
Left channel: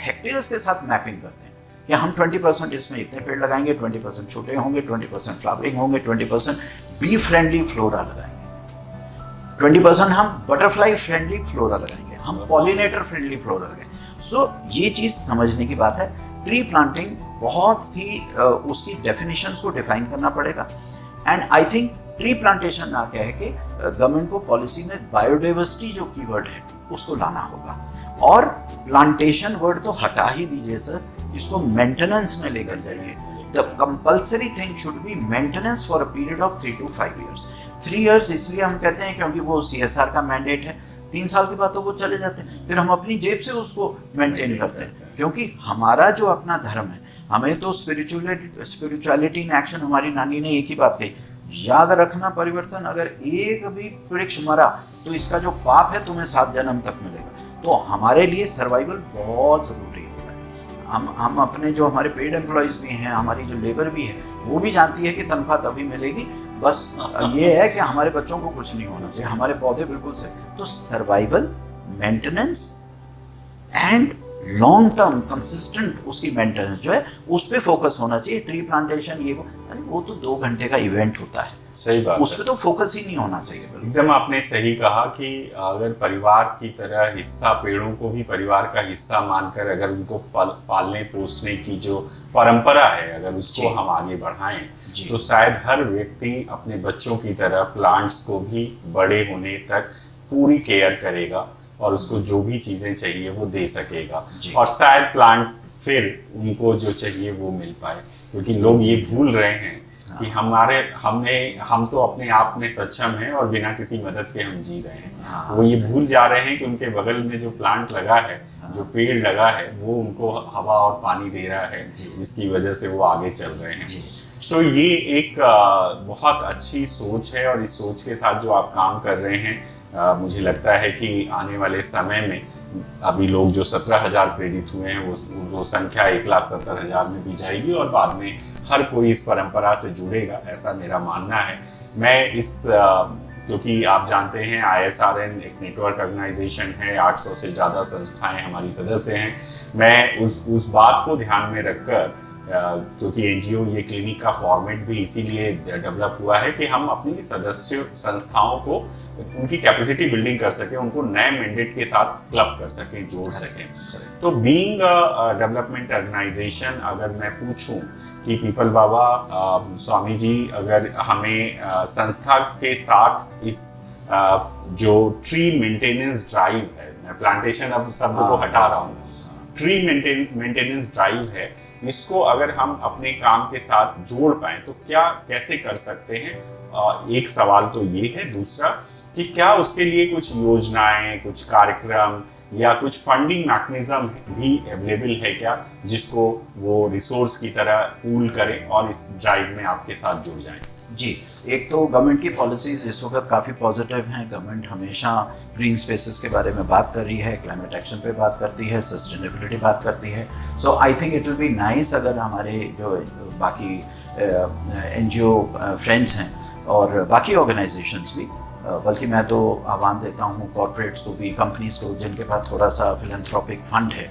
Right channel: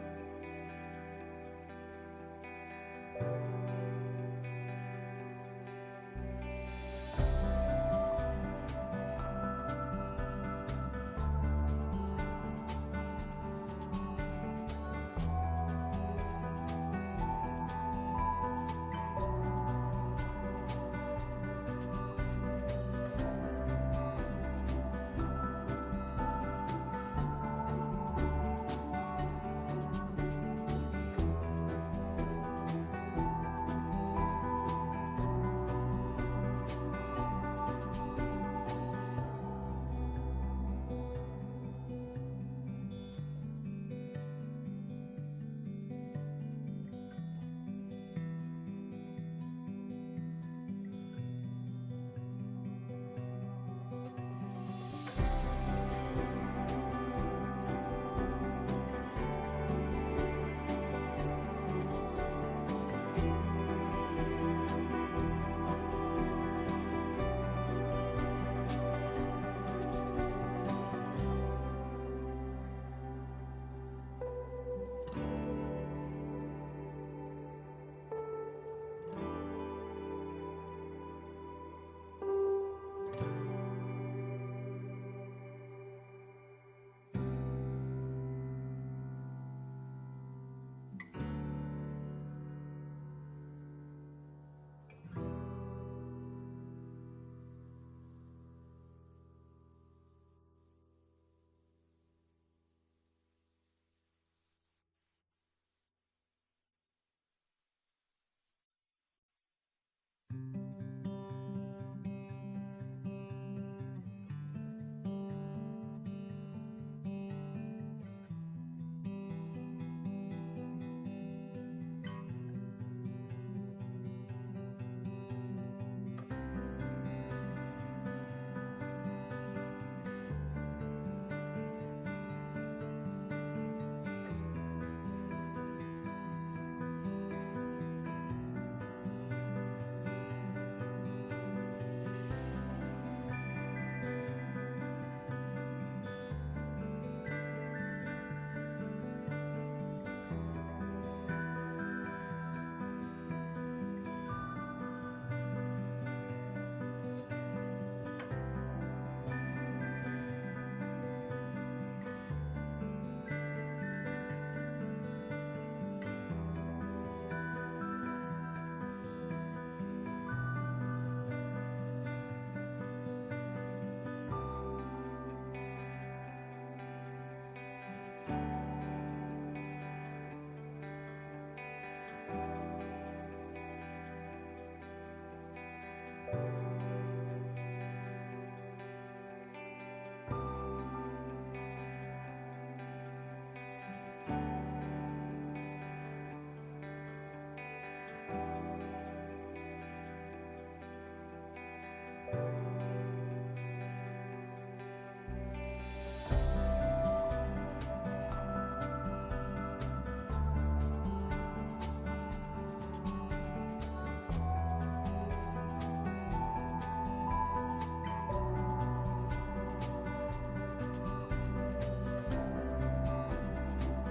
हेक्टेयर्स के साथ मैपिंग करते हैं कि हम 20% इसमें इतने पेड़ लगाएंगे, 20% छोटे होंगे, 20% फ्लावरिंग होंगे, 20% बी फ्रेंडली फ्लोरा लगाएंगे, 20% हम बटरफ्लाई फ्रेंडली फ्लोरा लगाएंगे, हम पॉलिनेटर फ्रेंडली फ्लोरा लगाएंगे। सो ये चीज़ समझने की बात है। ट्री प्लांटिंग बहुत ही उसकी डेफिनेशंस को डिफाइन करना पड़ेगा। And I think tree plantation ना कह के गवर्नमेंट को पॉलिसी में बायोडाइवर्सिटी जो कीवर्ड है उसको लाना होगा। और प्लांटेशन वर्ड तो हटा ही दीजिए सर, इसको मेंटेनेंस में लेकर जाइए। The compulsory thing should be maintenance for a period of 3 to 5 years। 3 years इसलिए हम कहते हैं क्योंकि वो CSR का मैंडेट है। 3 साल के बाद तो वो चले जाते हैं, फिर हम अपनी जेब से उसको मेंटेन करते हैं, क्योंकि हमारा जो अपना धर्म है, हमें तो स्पिरिचुअलिटी इन एक्शन, हमारी नानी ने एक ही बात कही, याद रखना परिवर्तन, अगर एक भी वृक्ष मरा तो इसका जो पाप है तुम्हें 7 जन्म तक मिलेगा। तो हमारे लिए सर्वाइवल बहुत जरूरी होता है। हम अपने जो हमारे पेड एम्प्लॉयज भी हैं, हमारी जो लेबर भी है, वो भी जानती है कि तनख्वाह तभी मिलेगी, बस ये है कि हमारे बच्चों को कुछ नहीं होना चाहिए, हमारे पौधे बिल्कुल से। तो survival, maintenance and long term consistent उसकी मेंटेनेंस जो है उस पर फोकस होना चाहिए। ट्री प्लांटेशन ये वो तो 2 घंटे का इवेंट होता है, सही बात, उस पर तो फोकस ही नहीं होना चाहिए। एकदम आपने सही कहा कि अगर परिवार की तरह हिस्सा, पेड़ों को भी परिवार का हिस्सा मानकर अगर उनको पालने पोसने की जो परंपरा है, अगर उसको हम आगे बढ़ाएं तो शायद हर व्यक्ति अपने बच्चों की तरह प्लांट्स को भी बड़े होने तक पूरी केयर करेगा और उसको जो भी चीजें चाहिए वो दे सकेगा, और शायद प्लांट फिर उनको जो चाहिए वो मिल पाए। क्योंकि लोग ये भूल रहे हैं कि हम तो अपने आप में सक्षम हैं और बिना किसी मदद के हम जी रहे हैं। वो ये भूल जा रहे हैं कि उनके बगल में जो प्लांट लगा है, जो पेड़ लगा है, वो उनको हवा और पानी दे रहा है, जिसकी वजह से वो आगे चल रहे हैं। तो ये एक बहुत अच्छी सोच है, और इस सोच के साथ जो आप काम कर रहे हैं, मुझे लगता है कि आने वाले समय में अभी लोग जो 17,000 प्रेरित हुए हैं वो संख्या 1,70,000 में भी जाएगी, और बाद में हर कोई इस परंपरा से जुड़ेगा, ऐसा मेरा मानना है। मैं इस क्योंकि आप जानते हैं ISRN एक नेटवर्क ऑर्गेनाइजेशन है, 800 से ज़्यादा संस्थाएं हमारी सदस्य हैं। मैं उस बात को ध्यान में रखकर, क्योंकि NGO ये क्लिनिक का फॉर्मेट भी इसीलिए डेवलप हुआ है कि हम अपनी सदस्य संस्थाओं को उनकी कैपेसिटी बिल्डिंग कर सकें, उनको नए मैंडेट के साथ क्लब कर सकें, जोड़ सकें। तो बीइंग डेवलपमेंट ऑर्गेनाइजेशन, अगर मैं पूछूं कि पीपल बाबा, स्वामी जी, अगर हमें संस्था के साथ इस जो ट्री मेंटेनेंस ड्राइव है, मैं प्लांटेशन अब शब्द को हटा रहा हूँ, ट्री मेंटेनेंस ड्राइव है, इसको अगर हम अपने काम के साथ जोड़ पाएं तो क्या कैसे कर सकते हैं? एक सवाल तो ये है। दूसरा कि क्या उसके लिए कुछ योजनाएं, कुछ कार्यक्रम या कुछ फंडिंग मैकेनिज्म भी अवेलेबल है क्या, जिसको वो रिसोर्स की तरह पूल करें और इस ड्राइव में आपके साथ जुड़ जाएं? जी, एक तो गवर्नमेंट की पॉलिसीज इस वक्त काफ़ी पॉजिटिव हैं। गवर्नमेंट हमेशा ग्रीन स्पेसेस के बारे में बात कर रही है, क्लाइमेट एक्शन पे बात करती है, सस्टेनेबिलिटी बात करती है। So I think it will be nice अगर हमारे जो बाकी NGO फ्रेंड्स हैं और बाकी ऑर्गेनाइजेशंस भी, बल्कि मैं तो आह्वान देता हूँ कॉर्पोरेट्स को भी, कंपनीज को, जिनके पास थोड़ा सा फिलैंथ्रोपिक फंड है,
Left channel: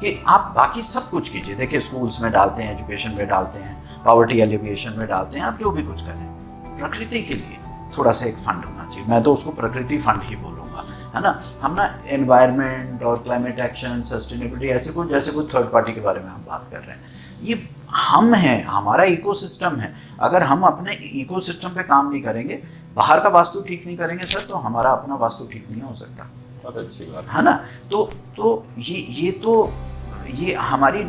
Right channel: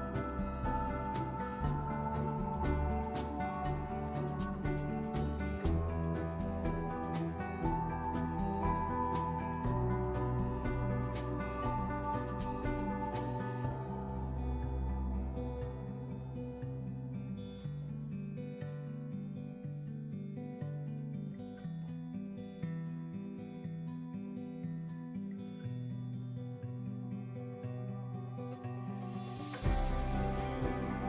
कि आप बाकी सब कुछ कीजिए। देखिए, स्कूल्स में डालते हैं, एजुकेशन में डालते हैं, पॉवर्टी एलिविएशन में डालते हैं, आप जो भी कुछ करें, प्रकृति के लिए थोड़ा सा एक फंड होना चाहिए। मैं तो उसको प्रकृति फंड ही बोलूँगा, है ना। हम ना एनवायरनमेंट और क्लाइमेट एक्शन, सस्टेनेबिलिटी, ऐसे कुछ जैसे कोई थर्ड पार्टी के बारे में हम बात कर रहे हैं, ये हम हैं, हमारा इकोसिस्टम है। अगर हम अपने इकोसिस्टम पे काम नहीं करेंगे, बाहर का वास्तु ठीक नहीं करेंगे सर, तो हमारा अपना वास्तु ठीक नहीं हो सकता। बहुत अच्छी बात है ना। तो ये हमारी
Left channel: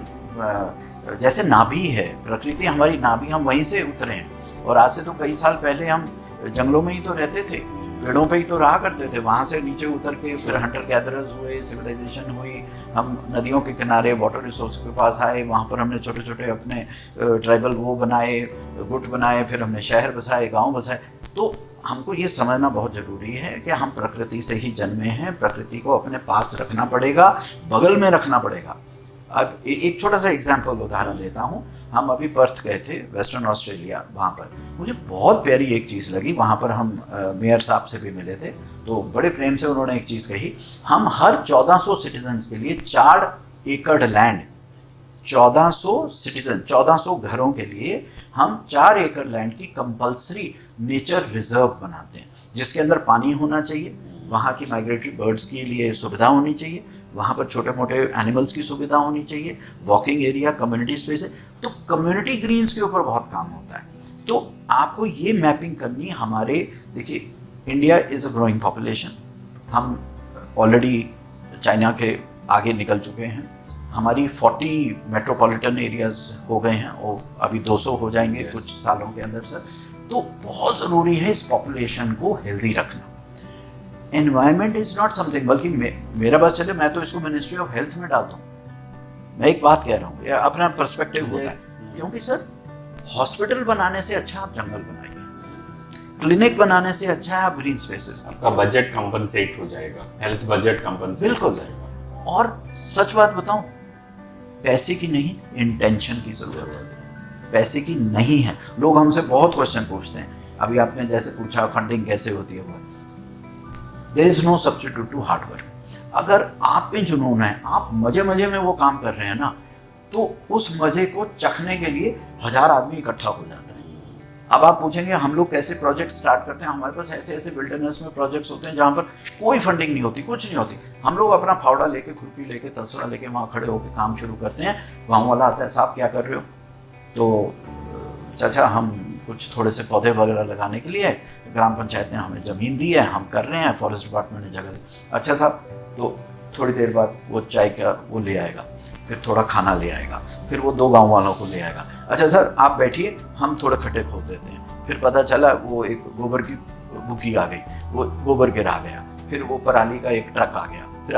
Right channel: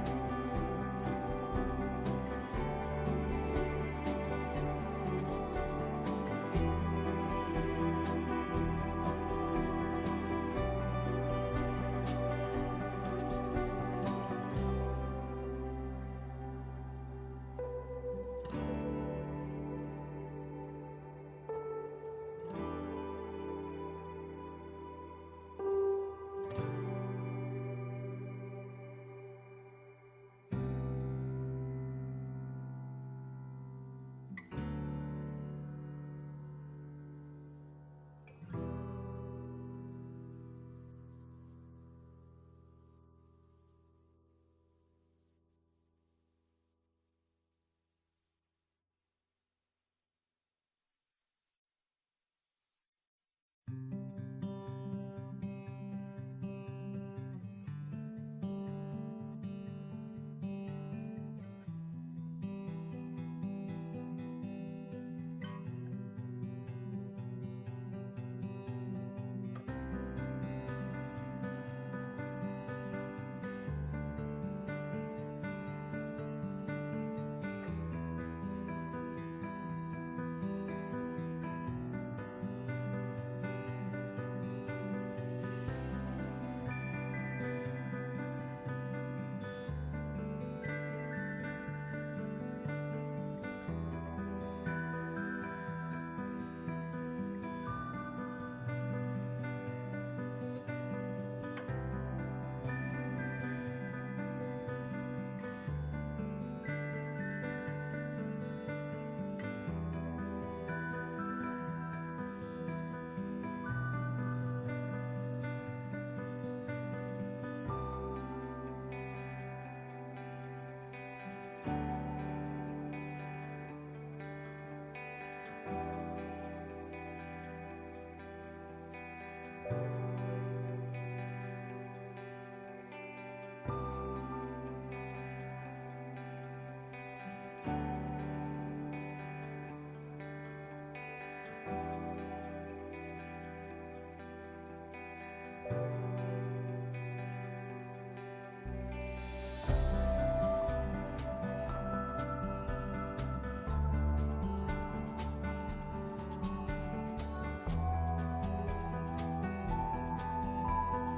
जैसे नाभि है, प्रकृति हमारी नाभि, हम वहीं से उतरे हैं। और आज से तो कई साल पहले हम जंगलों में ही तो रहते थे, पेड़ों पे ही तो रहा करते थे, वहाँ से नीचे उतर के फिर हंटर गैदरर्स हुए, सिविलाइजेशन हुई, हम नदियों के किनारे वाटर रिसोर्स के पास आए, वहाँ पर हमने छोटे छोटे अपने ट्राइबल वो बनाए, गुट बनाए, फिर हमने शहर बसाए, गांव बसाए। तो हमको ये समझना बहुत ज़रूरी है कि हम प्रकृति से ही जन्मे हैं, प्रकृति को अपने पास रखना पड़ेगा, बगल में रखना पड़ेगा। अब एक छोटा सा एग्जाम्पल उदाहरण देता हूँ। हम अभी पर्थ गए थे, वेस्टर्न ऑस्ट्रेलिया, वहाँ पर मुझे बहुत प्यारी एक चीज़ लगी। वहाँ पर हम मेयर साहब से भी मिले थे, तो बड़े प्रेम से उन्होंने एक चीज़ कही, हम हर 1400 सिटीजन्स के लिए 4 एकड़ लैंड, 1400 सिटीजन, 1400 घरों के लिए हम 4 एकड़ लैंड की कंपल्सरी नेचर रिजर्व बनाते हैं, जिसके अंदर पानी होना चाहिए, वहाँ की माइग्रेटरी बर्ड्स के लिए सुविधा होनी चाहिए, वहाँ पर छोटे मोटे एनिमल्स की सुविधा होनी चाहिए, वॉकिंग एरिया, कम्युनिटी स्पेस है। तो कम्युनिटी ग्रीन्स के ऊपर बहुत काम होता है। तो आपको ये मैपिंग करनी हमारे, देखिए India is a growing population, हम ऑलरेडी चाइना के आगे निकल चुके हैं, हमारी 40 मेट्रोपॉलिटन एरियाज हो गए हैं, वो अभी 200 हो जाएंगे कुछ सालों के अंदर सर। तो बहुत ज़रूरी है इस पॉपुलेशन को हेल्दी रखना। एनवायरमेंट इज नॉट समथिंग, बल्कि मेरा बस चले, मैं तो इसको मिनिस्ट्री ऑफ हेल्थ में डालता हूँ। मैं एक बात कह रहा हूँ, अपना पर्सपेक्टिव होता है, क्योंकि सर हॉस्पिटल बनाने से अच्छा आप जंगल बनाइए, क्लिनिक बनाने से अच्छा है आप ग्रीन स्पेसेस, आपका बजट कंपनसेट हो जाएगा, हेल्थ बजट कंपनसेट हो जाएगा। और सच बात बताऊं, पैसे की नहीं, इंटेंशन की जरूरत होती है, पैसे की नहीं है। लोग हमसे बहुत क्वेश्चन पूछते हैं, अभी आपने जैसे पूछा फंडिंग कैसे होती है, there is no substitute to hard work. अगर आप में जुनून है, आप मजे मजे में वो काम कर रहे हैं ना, तो उस मजे को चखने के लिए 1000 आदमी इकट्ठा हो जाता है। अब आप पूछेंगे हम लोग कैसे प्रोजेक्ट स्टार्ट करते हैं, हमारे पास ऐसे ऐसे विल्डरनेस में प्रोजेक्ट्स होते हैं जहाँ पर कोई फंडिंग नहीं होती, कुछ नहीं होती। हम लोग अपना फावड़ा लेके, खुरपी लेके, तसड़ा लेके वहाँ खड़े होकर काम शुरू करते हैं। गाँव वाला आता है, साहब क्या कर रहे हो? तो चाचा हम कुछ थोड़े से पौधे वगैरह लगाने के लिए, ग्राम पंचायत ने हमें ज़मीन दी है, हम कर रहे हैं, फॉरेस्ट डिपार्टमेंट ने जगह दी। अच्छा साहब, तो थोड़ी देर बाद वो चाय का वो ले आएगा, फिर थोड़ा खाना ले आएगा, फिर वो 2 गांव वालों को ले आएगा। अच्छा सर आप बैठिए, हम थोड़े खड्डे खोद देते हैं। फिर पता चला वो एक गोबर की बुकी आ गई, वो गोबर गिरा गया, फिर वो पराली का एक ट्रक आ गया, फिर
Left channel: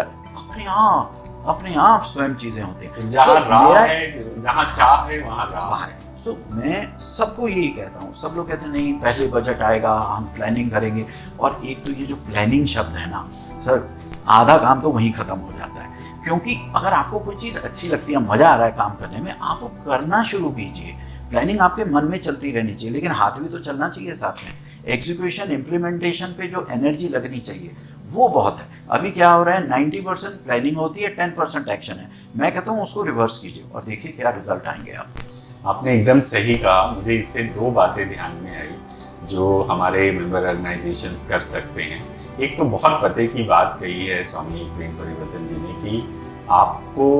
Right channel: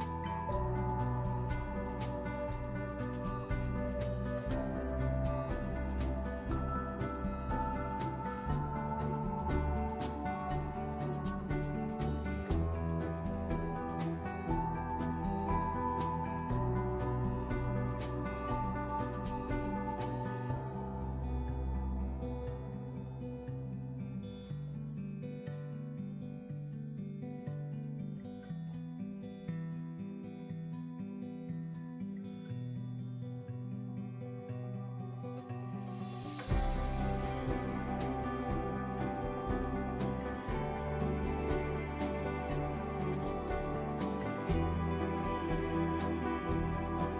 अपने आप स्वयं चीज़ें होती हैं। जहाँ राह है, जहाँ चाह है वहाँ राह है। तो मैं सबको यही कहता हूँ, सब लोग कहते हैं नहीं पहले बजट आएगा, हम प्लानिंग करेंगे। और एक तो ये जो प्लानिंग शब्द है ना सर, आधा काम तो वहीं खत्म हो जाता है। क्योंकि अगर आपको कोई चीज़ अच्छी लगती है, मज़ा आ रहा है काम करने में, आप वो करना शुरू कीजिए। प्लानिंग आपके मन में चलती रहनी चाहिए, लेकिन हाथ भी तो चलना चाहिए साथ में। एग्जीक्यूशन, इम्प्लीमेंटेशन पे जो एनर्जी लगनी चाहिए वो बहुत है। अभी क्या हो रहा है, 90% प्लानिंग होती है, 10% एक्शन है। मैं कहता हूँ उसको रिवर्स कीजिए और देखिए क्या रिजल्ट आएंगे आप। आपने एकदम सही कहा। मुझे इससे 2 बातें ध्यान में आई जो हमारे मेंबर ऑर्गेनाइजेशंस कर सकते हैं। एक तो बहुत पते की बात कही है स्वामी प्रेम परिवर्तन जी ने कि आपको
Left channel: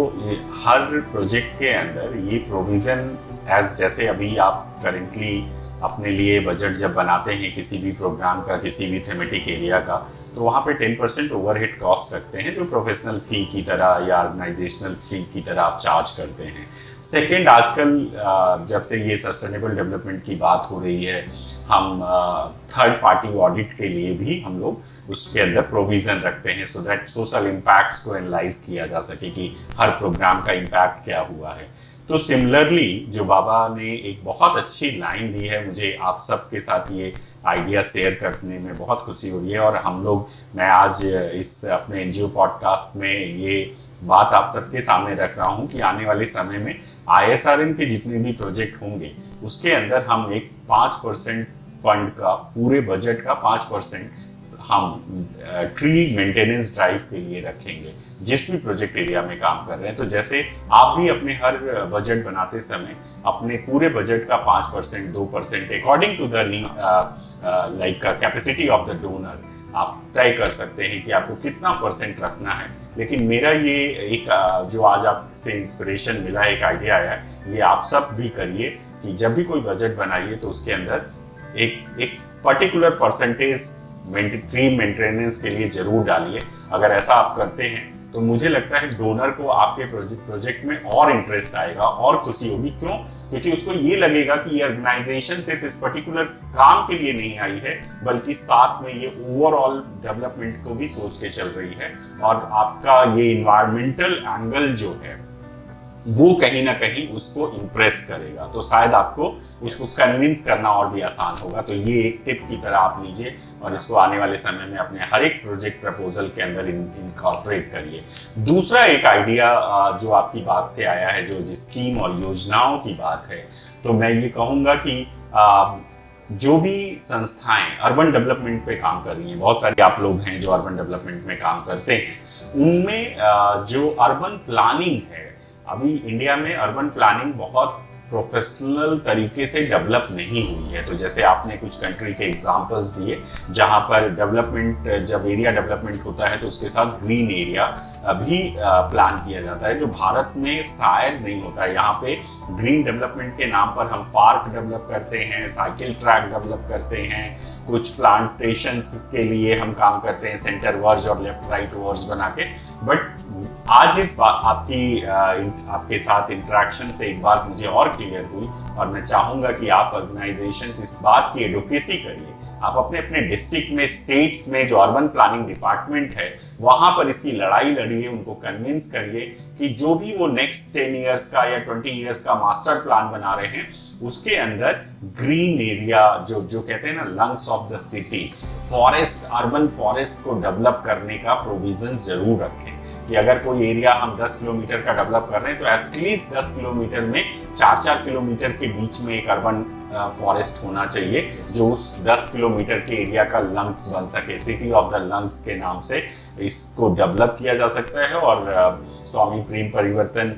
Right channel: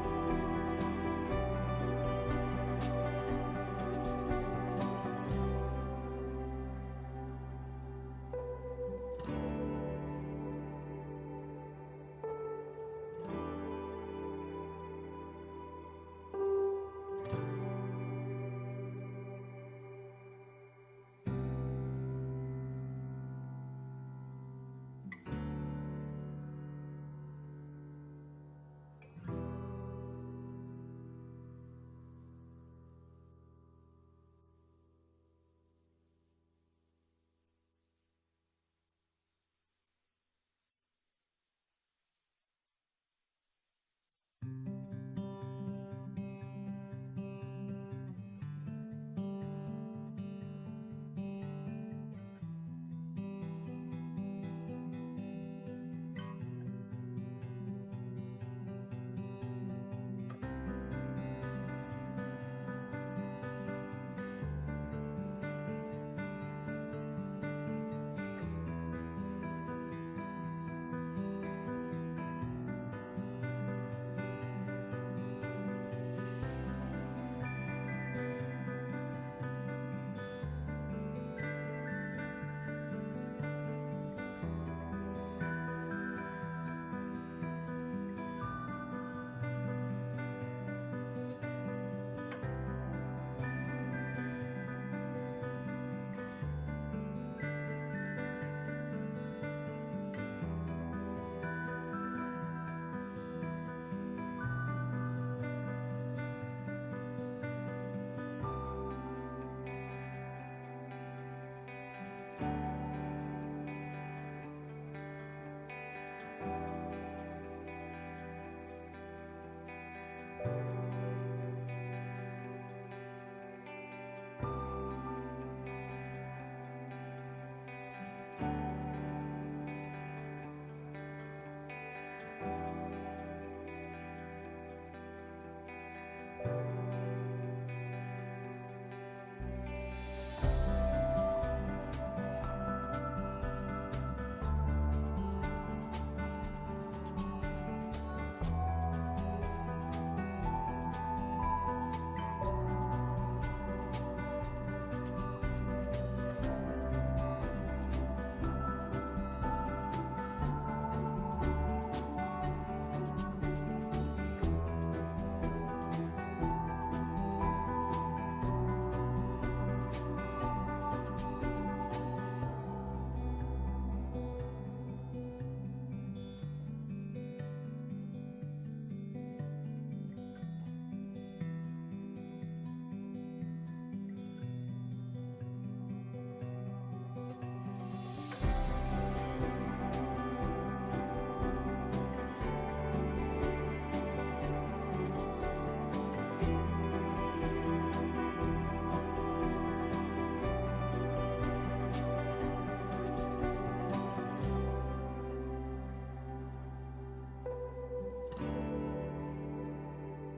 हर प्रोजेक्ट के अंदर ये प्रोविजन एज, जैसे अभी आप करेंटली अपने लिए बजट जब बनाते हैं किसी भी प्रोग्राम का, किसी भी थेमेटिक एरिया का, तो वहाँ पे 10% ओवरहेड कॉस्ट रखते हैं जो प्रोफेशनल फी की तरह या ऑर्गेनाइजेशनल फी की तरह आप चार्ज करते हैं। सेकेंड, आजकल जब से ये सस्टेनेबल डेवलपमेंट की बात हो रही है, हम थर्ड पार्टी ऑडिट के लिए भी हम लोग उसके अंदर प्रोविजन रखते हैं सो दैट सोशल इम्पैक्ट्स को एनालाइज किया जा सके कि हर प्रोग्राम का इम्पैक्ट क्या हुआ है। तो सिमिलरली जो बाबा ने एक बहुत अच्छी लाइन दी है, मुझे आप सबके साथ ये आइडिया शेयर करने में बहुत खुशी हो रही है। और हम लोग, मैं आज इस अपने एनजीओ पॉडकास्ट में ये बात आप सबके सामने रख रहा हूँ कि आने वाले समय में ISRN के जितने भी प्रोजेक्ट होंगे उसके अंदर हम एक 5% फंड का, पूरे बजट का 5% हम ट्री मेंटेनेंस ड्राइव के लिए रखेंगे जिस भी प्रोजेक्ट एरिया में काम कर रहे हैं। तो जैसे आप भी अपने हर बजट बनाते समय अपने पूरे बजट का 5%, 2% according to the like capacity of the donor आप तय कर सकते हैं कि आपको कितना % रखना है। लेकिन मेरा ये एक जो आज आपसे इंस्पिरेशन मिला, एक आइडिया आया है, ये आप सब भी करिए कि जब भी कोई बजट बनाइए तो उसके अंदर एक पर्टिकुलर % ट्री मेंटेनेंस के लिए जरूर डालिए। अगर ऐसा आप करते हैं तो मुझे लगता है डोनर को आपके प्रोजेक्ट में और इंटरेस्ट आएगा और खुशी होगी। क्यों? क्योंकि उसको ये लगेगा कि ये ऑर्गेनाइजेशन सिर्फ इस पर्टिकुलर काम के लिए नहीं आई है, बल्कि साथ में ये ओवरऑल डेवलपमेंट को भी सोच के चल रही है। और आपका ये इन्वायरमेंटल एंगल जो है वो कहीं ना कहीं उसको इम्प्रेस करेगा, तो शायद आपको उसको कन्विंस करना और भी आसान होगा। तो ये एक टिप की तरह आप लीजिए और इसको आने वाले समय में अपने हर एक प्रोजेक्ट प्रपोजल के अंदर इनकॉर्पोरेट करिए। दूसरा एक आइडिया जो आपकी बात से आया है, जो स्कीम और योजनाओं की बात है, तो मैं ये कहूँगा कि जो भी संस्थाएं अर्बन डेवलपमेंट पे काम कर रही हैं, बहुत सारे आप लोग हैं जो अर्बन डेवलपमेंट में काम करते हैं, उनमें जो अर्बन प्लानिंग है, अभी इंडिया में अर्बन प्लानिंग बहुत प्रोफेशनल तरीके से डेवलप नहीं हुई है। तो जैसे आपने कुछ कंट्री के एग्जांपल्स दिए जहां पर डेवलपमेंट, जब एरिया डेवलपमेंट होता है तो उसके साथ ग्रीन एरिया भी प्लान किया जाता है, जो भारत में शायद नहीं होता है। यहाँ पे ग्रीन डेवलपमेंट के नाम पर हम पार्क डेवलप करते हैं, साइकिल ट्रैक डेवलप करते हैं, कुछ प्लांटेशंस के लिए हम काम करते हैं, सेंटर वर्ज और लेफ्ट राइट वर्ज बना के। बट आज इस बात आपके साथ इंटरेक्शन से एक बात मुझे और क्लियर हुई, और मैं चाहूंगा कि आप ऑर्गेनाइजेशंस इस बात की एडवोकेसी करिए। आप अपने अपने डिस्ट्रिक्ट में, स्टेट्स में जो अर्बन प्लानिंग डिपार्टमेंट है वहां पर इसकी लड़ाई लड़िए, उनको कन्विंस करिए कि जो भी वो नेक्स्ट 10 इयर्स का या 20 इयर्स का मास्टर प्लान बना रहे हैं उसके अंदर ग्रीन एरिया, जो कहते हैं ना lungs of the city, forest, urban forest को डेवलप करने का प्रोविजन जरूर रखें। कि अगर कोई एरिया हम 10 किलोमीटर का डेवलप कर रहे हैं तो एटलीस्ट 10 किलोमीटर में 4-4 किलोमीटर के बीच में एक अर्बन फॉरेस्ट होना चाहिए जो उस 10 किलोमीटर के एरिया का लंग्स बन सके। सिटी ऑफ द लंग्स के नाम से इसको डेवलप किया जा सकता है। और स्वामी प्रेम परिवर्तन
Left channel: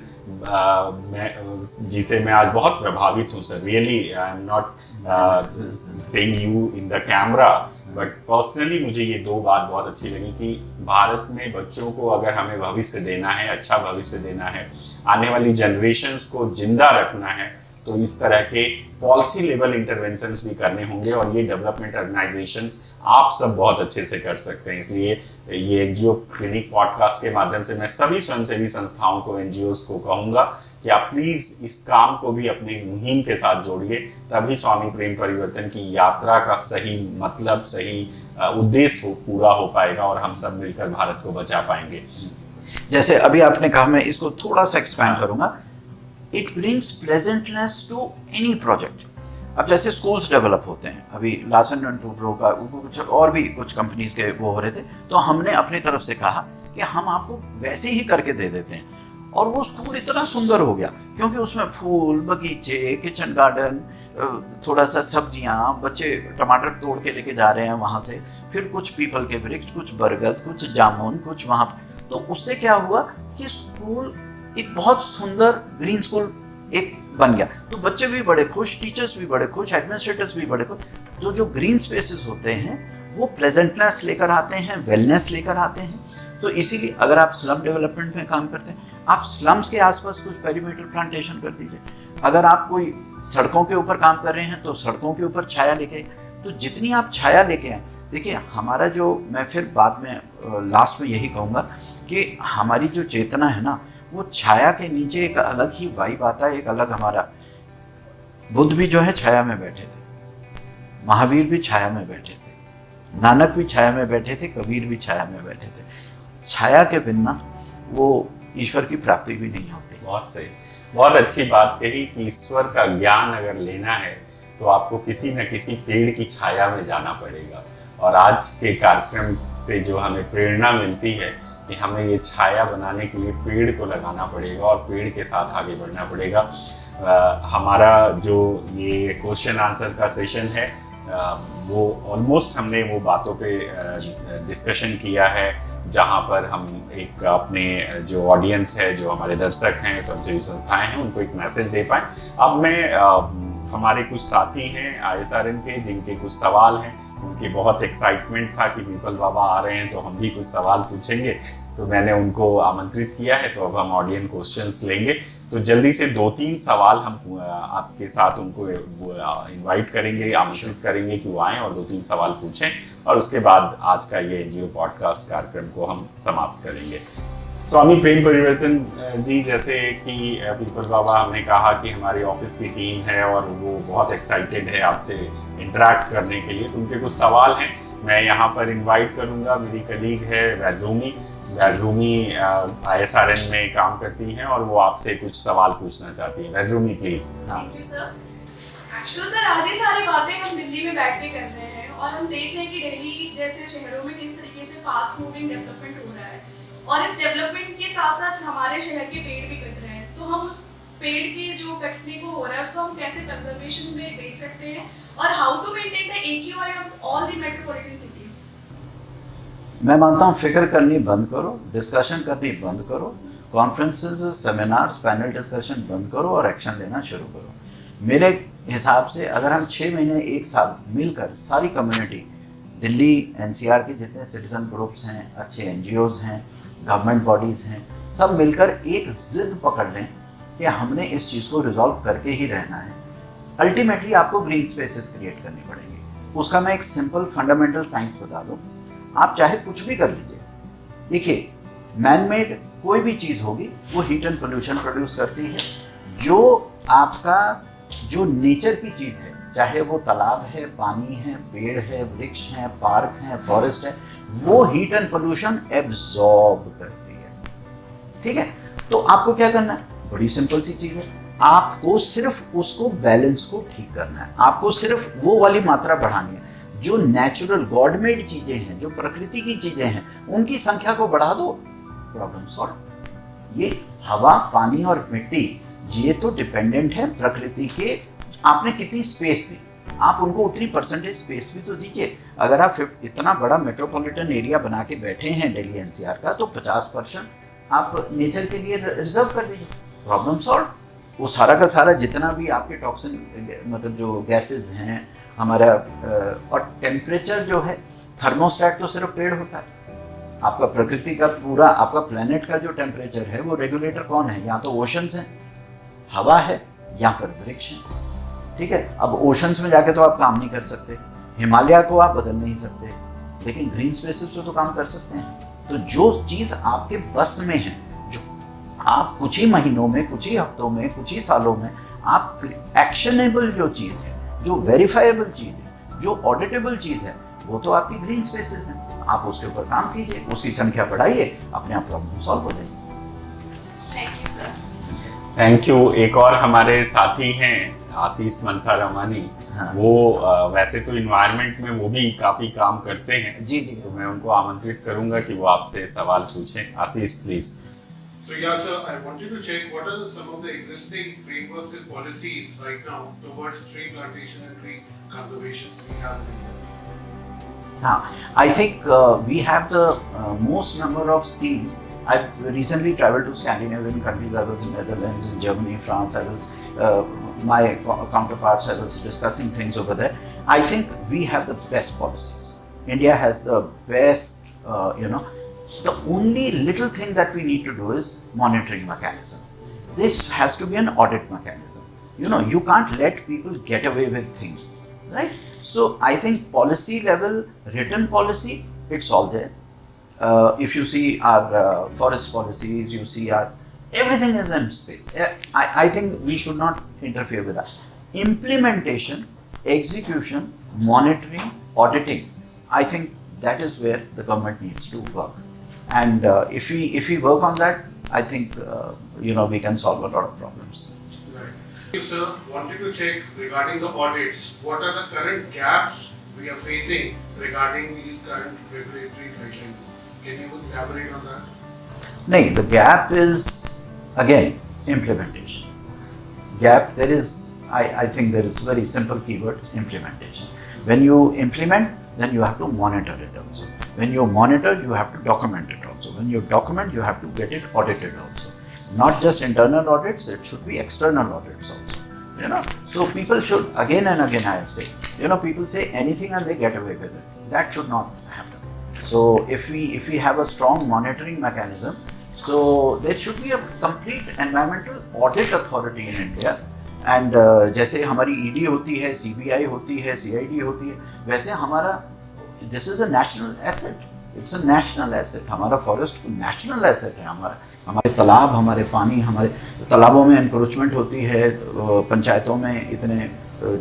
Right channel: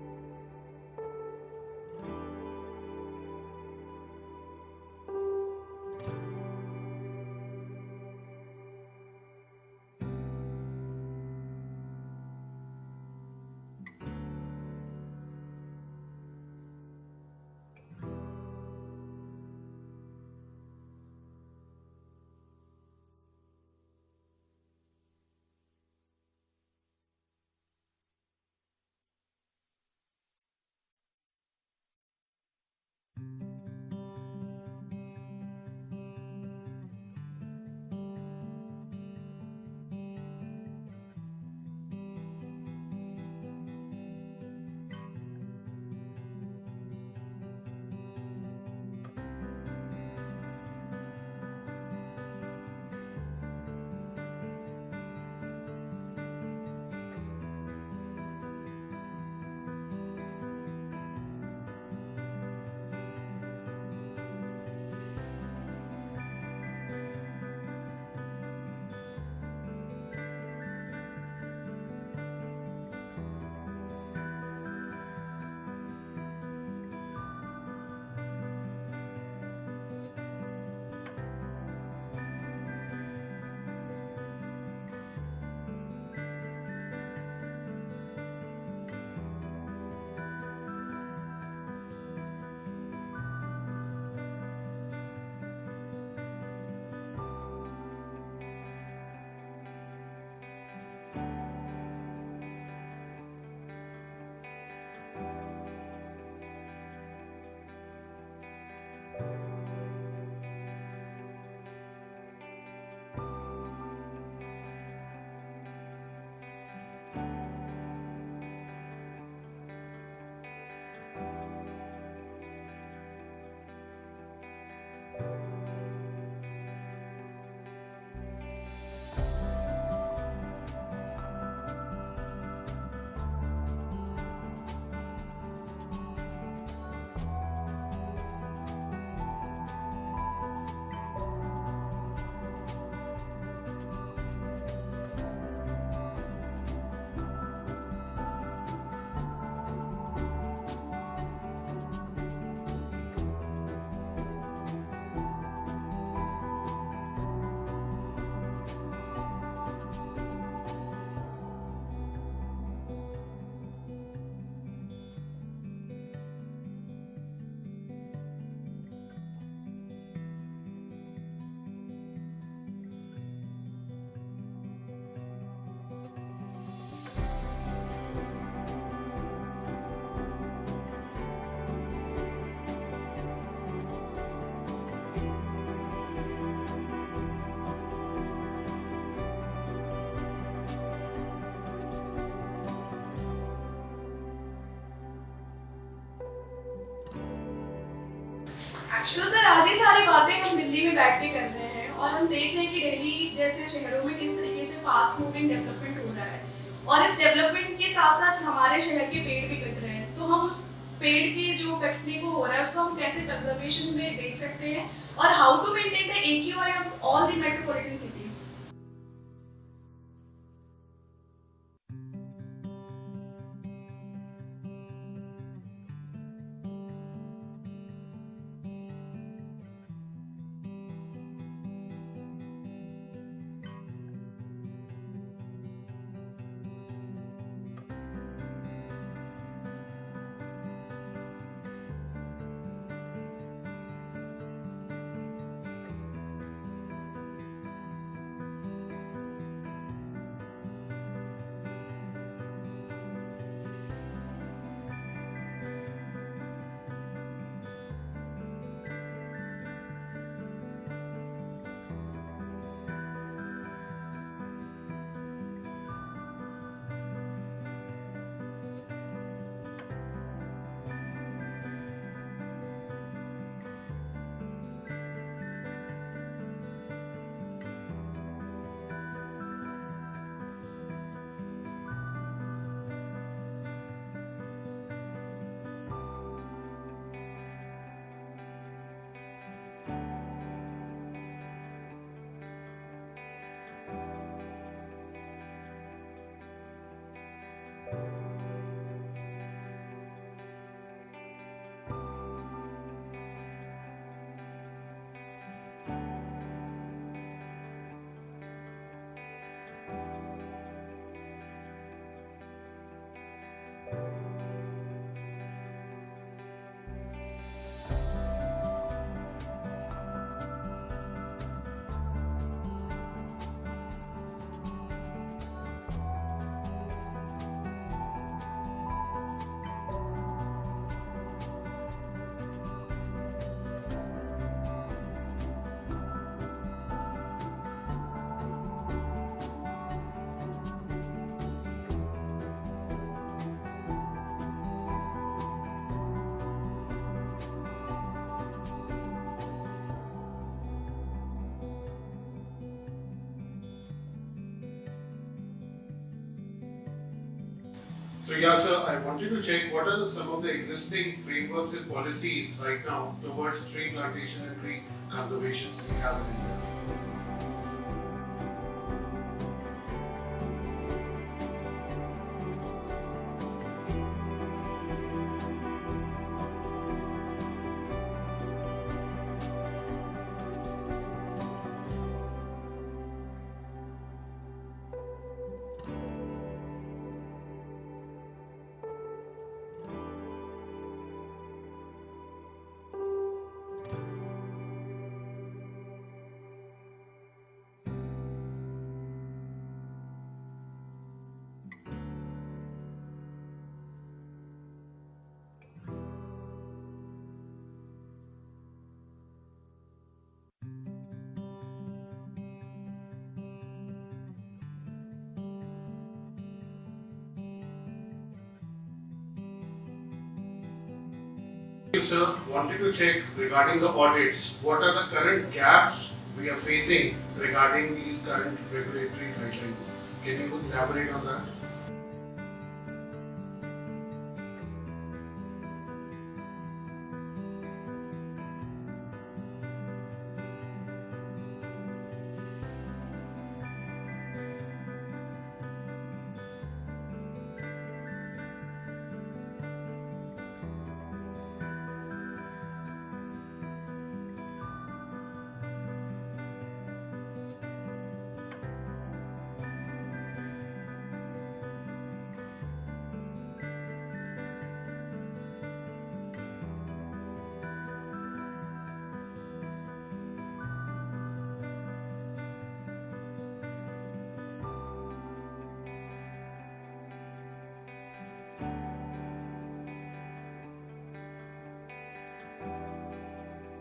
जिसे मैं आज बहुत प्रभावित हूँ sir, really I am not saying you in the camera, but personally मुझे ये दो बात बहुत अच्छी लगी कि भारत में बच्चों को अगर हमें भविष्य देना है, अच्छा भविष्य देना है, आने वाली जनरेशंस को जिंदा रखना है, तो इस तरह के पॉलिसी लेवल इंटरवेंशंस भी करने होंगे। और ये डेवलपमेंट ऑर्गेनाइजेशंस आप सब बहुत अच्छे से कर सकते हैं। इसलिए ये एनजीओ क्लिनिक पॉडकास्ट के माध्यम से मैं सभी स्वयंसेवी संस्थाओं को, एनजीओस को कहूंगा कि आप प्लीज इस काम को भी अपनी मुहिम के साथ जोड़िए, तभी स्वामी प्रेम परिवर्तन की यात्रा का सही मतलब, सही उद्देश्य पूरा हो पाएगा और हम सब मिलकर भारत को बचा पाएंगे। जैसे अभी आपने कहा, मैं इसको थोड़ा सा एक्सपैंड करूंगा। It brings pleasantness to any project. अब जैसे स्कूल्स डेवलप होते हैं, अभी लासन एंड टूब्रो का कुछ और भी कुछ कंपनीज के वो हो रहे थे, तो हमने अपनी तरफ से कहा कि हम आपको वैसे ही करके दे देते हैं। और वो स्कूल इतना सुंदर हो गया क्योंकि उसमें फूल, बगीचे, किचन गार्डन, थोड़ा सा सब्जियां, बच्चे टमाटर तोड़ के लेके जा रहे हैं वहां से, फिर कुछ पीपल के वृक्ष, कुछ बरगद, कुछ जामुन, कुछ वहां। तो उससे क्या हुआ कि स्कूल एक बहुत सुंदर ग्रीन स्कूल एक बन गया। तो बच्चे भी बड़े खुश, टीचर्स भी बड़े खुश, एडमिनिस्ट्रेटर्स भी बड़े खुश। जो ग्रीन स्पेसेस होते हैं वो प्लेजेंटनेस लेकर आते हैं, वेलनेस लेकर आते हैं। तो इसीलिए अगर आप स्लम डेवलपमेंट में काम करते हैं, आप स्लम्स के आसपास कुछ पेरीमीटर प्लांटेशन कर दीजिए। अगर आप कोई सड़कों के ऊपर काम कर रहे हैं तो सड़कों के ऊपर छाया लेके, तो जितनी आप छाया लेके आए, देखिए हमारा जो, मैं फिर बाद में लास्ट में यही कहूँगा कि हमारी जो चेतना है ना, वो छाया के नीचे एक अलग ही वाइब आता है, एक अलग हमारा। बुद्ध भी जो है छाया में बैठे थे, महावीर भी छाया में बैठे थे, नानक भी छाया में बैठे थे, कबीर भी छाया में बैठे थे। छाया के बिना वो ईश्वर की प्राप्ति भी नहीं होती। बहुत सही, बहुत अच्छी बात कही कि ईश्वर का ज्ञान अगर लेना है तो आपको किसी न किसी पेड़ की छाया में जाना पड़ेगा। और आज के कार्यक्रम से जो हमें प्रेरणा मिलती है कि हमें ये छाया बनाने के लिए पेड़ को लगाना पड़ेगा और पेड़ के साथ आगे बढ़ना पड़ेगा। हमारा जो ये क्वेश्चन आंसर का सेशन है वो ऑलमोस्ट हमने वो बातों पे डिस्कशन किया है जहाँ पर हम एक अपने जो ऑडियंस है, जो हमारे दर्शक हैं, स्वयंसेवी संस्थाएं हैं, उनको एक मैसेज दे पाए। अब मैं हमारे कुछ साथी हैं ISRN के जिनके कुछ सवाल हैं, उनकी बहुत एक्साइटमेंट था कि विपल बाबा आ रहे हैं तो हम भी कुछ सवाल पूछेंगे, तो मैंने उनको आमंत्रित किया है। तो अब हम ऑडियंस क्वेश्चंस लेंगे, तो जल्दी से 2-3 सवाल हम आपके साथ उनको इनवाइट करेंगे, आमंत्रित करेंगे कि वो आएँ और 2-3 सवाल पूछें और उसके बाद आज का ये एनजीओ पॉडकास्ट कार्यक्रम को हम समाप्त करेंगे। स्वामी प्रेम परिवर्तन जी, जैसे कि पीपल बाबा हमने कहा कि हमारे ऑफिस की टीम है और वो बहुत एक्साइटेड है आपसे इंटरेक्ट करने के लिए। उनके कुछ सवाल हैं, मैं यहाँ पर इनवाइट करूँगा। मेरी कलीग है वैद्रोमी ISRN में काम करती हैं और वो आपसे कुछ सवाल पूछना चाहती हैं। Vaidromi please. Thank you sir. Actually sir आज ये सारी बातें हम दिल्ली में बैठ के कर रहे हैं और हम देख रहे हैं कि दिल्ली जैसे शहरों में किस तरीके से फास्ट मूविंग डेवलपमेंट हो रहा है और इस डेवलपमेंट के साथ साथ हमारे शहर के पेड़ भी कट रहे हैं। तो हम उस पेड़ के जो कटने को हो रहा है उसको हम कैसे कंजर्वेशन में देख सकते हैं और how to maintain the AQI of all the metropolitan cities. मैं मानता हूँ फिक्र करनी बंद करो, डिस्कशन करनी बंद करो, कॉन्फ्रेंसेस, सेमिनार्स, पैनल डिस्कशन बंद करो और एक्शन लेना शुरू करो। मेरे हिसाब से अगर हम 6 महीने 1 साल मिलकर सारी कम्युनिटी, दिल्ली NCR के जितने सिटीजन ग्रुप्स हैं, अच्छे NGOs हैं, गवर्नमेंट बॉडीज़ हैं, सब मिलकर एक जिद पकड़ लें कि हमने इस चीज़ को रिजॉल्व करके ही रहना है। अल्टीमेटली आपको ग्रीन स्पेसेस क्रिएट करनी पड़ेगी। उसका मैं एक सिंपल फंडामेंटल साइंस बता दूँ। आप चाहे कुछ भी कर लीजिए, देखिए मैन मेड कोई भी चीज़ होगी वो हीट एंड पोल्यूशन प्रोड्यूस करती है। जो आपका जो नेचर की चीज़ है, चाहे वो तालाब है, पानी है, पेड़ है, वृक्ष है, पार्क है, फॉरेस्ट है, वो हीट एंड पोल्यूशन एब्जॉर्ब करती है। ठीक है, तो आपको क्या करना है? बड़ी सिंपल सी चीज़ है, आपको सिर्फ उसको बैलेंस को ठीक करना है। आपको सिर्फ वो वाली मात्रा बढ़ानी है। जो नेचुरल गॉड मेड चीजें हैं, जो प्रकृति की चीजें हैं, उनकी संख्या को बढ़ा दो, प्रॉब्लम सॉल्व। ये हवा, पानी और मिट्टी, ये तो डिपेंडेंट है प्रकृति के। आपने कितनी स्पेस दी, आप उनको उतनी परसेंटेज स्पेस भी तो दीजिए। अगर आप इतना बड़ा मेट्रोपॉलिटन एरिया बना के बैठे हैं दिल्ली NCR का, तो 50% आप नेचर के लिए रिजर्व कर दीजिए, प्रॉब्लम सॉल्व। वो सारा का सारा जितना भी आपके टॉक्सिन, मतलब जो गैसेज हैं हमारा, और टेम्परेचर जो है, थर्मोस्टेट तो सिर्फ पेड़ होता है। आपका प्रकृति का पूरा, आपका प्लेनेट का जो टेम्परेचर है, वो रेगुलेटर कौन है? या तो ओशंस हैं, हवा है, या फिर वृक्ष है। ठीक है, अब ओशंस में जाके तो आप काम नहीं कर सकते, हिमालय को आप बदल नहीं सकते, लेकिन ग्रीन स्पेसेस पे तो काम कर सकते हैं। तो जो चीज़ आपके बस में है, जो आप कुछ ही महीनों में, कुछ ही हफ्तों में, कुछ ही सालों में आप एक्शनेबल जो चीज़ है, जो वेरीफाइबल चीज़ है, जो ऑडिटेबल चीज़ है, वो तो आपकी ग्रीन स्पेसेस है। आप उसके ऊपर काम कीजिए, उसकी संख्या बढ़ाइए, अपने आप प्रॉब्लम सॉल्व हो जाएगी। Thank you sir. Thank you. एक और हमारे साथी हैं आशीष मनसा रमानी। हाँ। वो वैसे तो इन्वायरमेंट में वो भी काफी काम करते हैं। जी जी। तो मैं उनको आमंत्रित करूंगा कि वो आपसे सवाल पूछें। आशीष please. So yeah, sir, I wanted to check what are some of the existing frameworks and policies right now towards tree plantation and tree conservation we have in India. I think we have the most number of schemes. I recently traveled to Scandinavian countries. I was in Netherlands, in Germany, France. I was my counterparts. I was discussing things over there. I think we have the best policies. India has the best, The only little thing that we need to do is monitoring mechanism. This has to be an audit mechanism. You can't let people get away with things, right? So I think policy level, written policy, it's all there. If you see our forest policies, you see everything is in space. I think we should not interfere with that. Implementation, execution, monitoring, auditing, I think that is where the government needs to work. And if we work on that, I think we can solve a lot of problems. Right. You, sir, wanted to check regarding the audits. What are the current gaps we are facing regarding these current regulatory guidelines? Can you elaborate on that? No, the gap is again implementation. Gap there is. I think there is very simple keyword: implementation. When you implement, then you have to monitor it also. When you monitor, you have to document it also. When you document, you have to get it audited also. Not just internal audits, it should be external audits also. So people should, again and again I have said, people say anything and they get away with it. That should not happen. So if we have a strong monitoring mechanism, so there should be a complete environmental audit authority in India. And जैसे हमारी ED होती है, CBI होती है, CID होती है, वैसे हमारा this is a national asset, it's a national asset. हमारा फॉरेस्ट नेशनल एसेट है। हमारे तालाब, हमारे पानी, हमारे तालाबों में एनक्रोचमेंट होती है। पंचायतों में इतने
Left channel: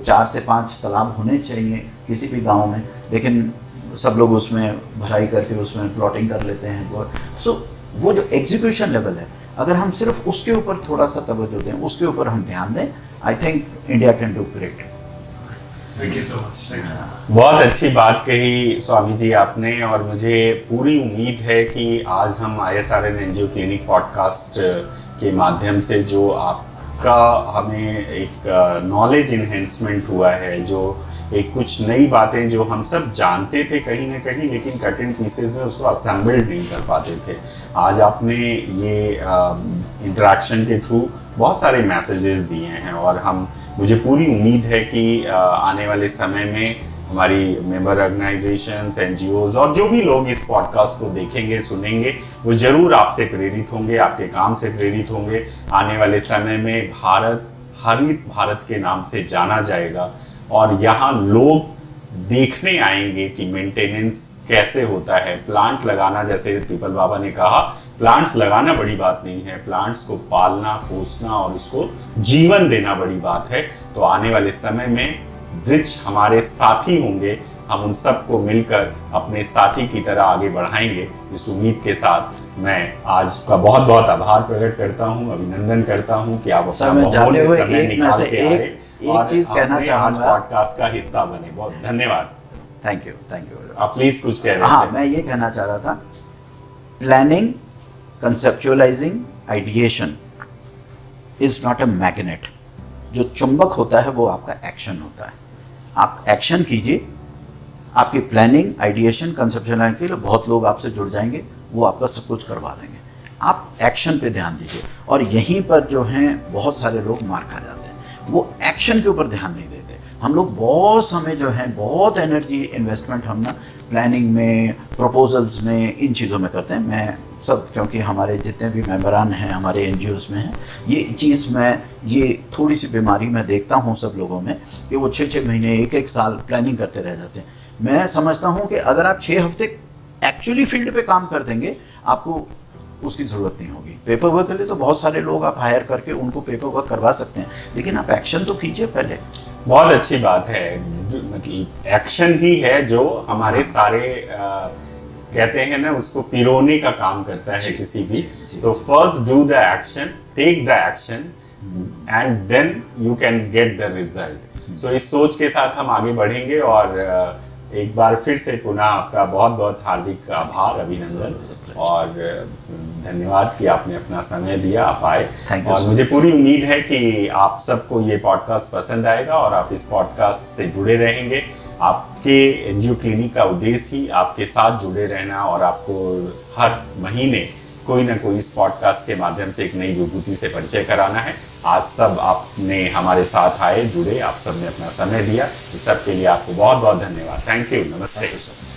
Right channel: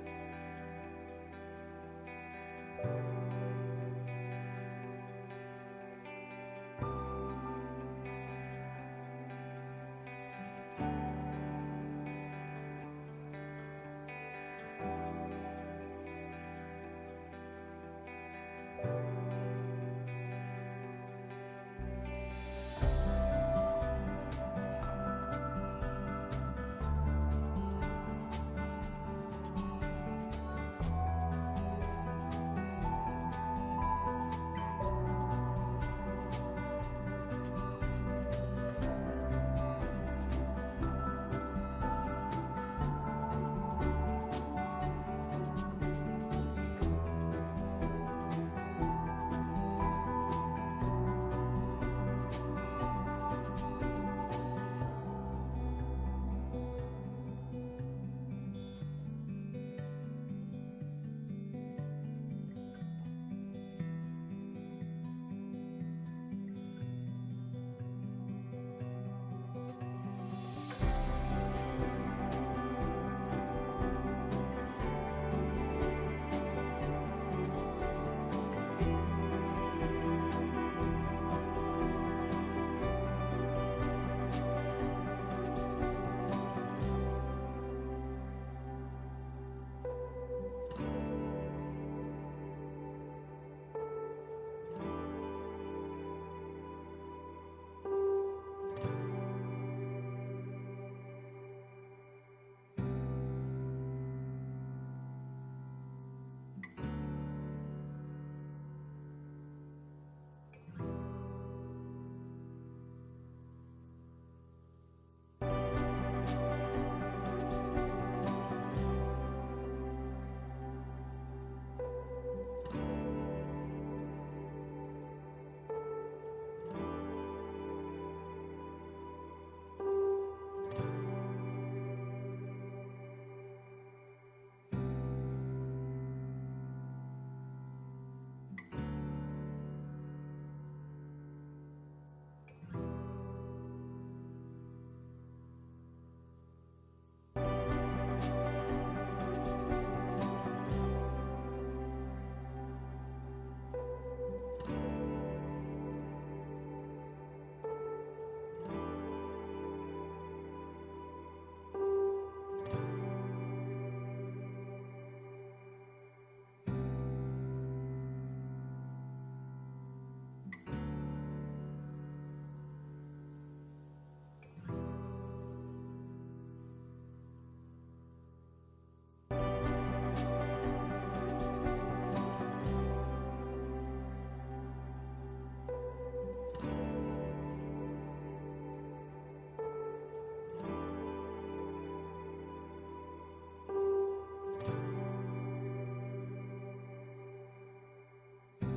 4 से 5 तालाब होने चाहिए किसी भी गांव में, लेकिन सब लोग उसमें भराई करके उसमें प्लॉटिंग कर लेते हैं। सो वो जो एग्जीक्यूशन लेवल है, अगर हम सिर्फ उसके ऊपर थोड़ा सा तवज्जो दें, उसके ऊपर हम ध्यान दें, I think India can do great. Thank you so much. Thank you. बहुत अच्छी बात कही स्वामी जी आपने, और मुझे पूरी उम्मीद है कि आज हम ISRN एनजीओ क्लिनिक पॉडकास्ट के माध्यम से जो आपका हमें एक नॉलेज इन्हेंसमेंट हुआ है, जो एक कुछ नई बातें जो हम सब जानते थे कहीं ना कहीं, लेकिन कट इन पीसेस में उसको असेंबल्ड नहीं कर पाते थे, आज आपने ये इंटरेक्शन के थ्रू बहुत सारे मैसेजेस दिए हैं। और मुझे पूरी उम्मीद है कि आने वाले समय में हमारी मेंबर ऑर्गेनाइजेशंस, एनजीओज और जो भी लोग इस पॉडकास्ट को देखेंगे, सुनेंगे, वो जरूर आपसे प्रेरित होंगे, आपके काम से प्रेरित होंगे। आने वाले समय में भारत हरित भारत के नाम से जाना जाएगा, और यहाँ लोग देखने आएंगे कि मेंटेनेंस कैसे होता है। प्लांट लगाना, जैसे पीपल बाबा ने कहा, प्लांट्स लगाना बड़ी बात नहीं है, प्लांट्स को पालना, पोसना और उसको जीवन देना बड़ी बात है। तो आने वाले समय में वृक्ष हमारे साथी होंगे, हम उन सबको मिलकर अपने साथी की तरह आगे बढ़ाएंगे। इस उम्मीद के साथ मैं आज का बहुत बहुत आभार प्रकट करता हूँ, अभिनंदन करता हूँ कि आप अपना बहुमूल्य समय निकाल के आए एक चीज कहना चाहूंगा, पॉडकास्ट का हिस्सा बने। बहुत धन्यवाद। Thank you. आप प्लीज कुछ कह रहे थे। हाँ, मैं ये कहना चाह रहा था, planning, conceptualising, ideation is not a magnet. जो चुंबक होता है वो आपका एक्शन होता है। आप एक्शन कीजिए, आपकी प्लानिंग, आइडिएशन, कंसेप्चुअलाइजिंग के लिए बहुत लोग आपसे जुड़ जाएंगे, वो आपका सब कुछ करवा देंगे। आप एक्शन पे ध्यान दीजिए, और यहीं पर जो हैं बहुत सारे लोग मार खा जाते हैं, वो एक्शन के ऊपर ध्यान नहीं देते। हम लोग बहुत समय जो है, बहुत एनर्जी इन्वेस्टमेंट हम ना प्लानिंग में, प्रपोजल्स में, इन चीज़ों में करते हैं। मैं सब, क्योंकि हमारे जितने भी मेंबरान हैं हमारे एनजीओज में हैं, ये चीज़ ये थोड़ी सी बीमारी मैं देखता हूँ सब लोगों में, कि वो 6-6 महीने, 1-1 साल प्लानिंग करते रह जाते हैं। मैं समझता हूँ कि अगर आप 6 हफ्ते एक्चुअली फील्ड पे काम कर देंगे, आपको उसकी ज़रूरत नहीं होगी। पेपर वर्क के लिए तो बहुत सारे लोग आप हायर करके उनको पेपर वर्क करवा सकते हैं, लेकिन आप एक्शन तो कीजिए पहले। बहुत अच्छी बात है। मतलब एक्शन ही है जो हमारे सारे कहते हैं ना, उसको पिरोने का काम करता है किसी भी। तो first do the action, take the action, and then you can get the result. So इस सोच के साथ हम आगे बढ़ेंगे, और एक बार फिर से पुनः आपका बहुत बहुत हार्दिक आभार, अभिनंदन और धन्यवाद कि आपने अपना समय दिया, आप आए। और मुझे पूरी उम्मीद है कि आप सबको ये पॉडकास्ट पसंद आएगा और आप इस पॉडकास्ट से जुड़े रहेंगे। आपके एनजीओ क्लिनिक का उद्देश्य ही आपके साथ जुड़े रहना, और आपको हर महीने कोई ना कोई इस पॉडकास्ट के माध्यम से एक नई विभूति से परिचय कराना है। आज सब आपने हमारे साथ आए, जुड़े, आप सबने अपना समय दिया, इस सब के लिए आपको बहुत बहुत धन्यवाद। Thank you. नमस्ते।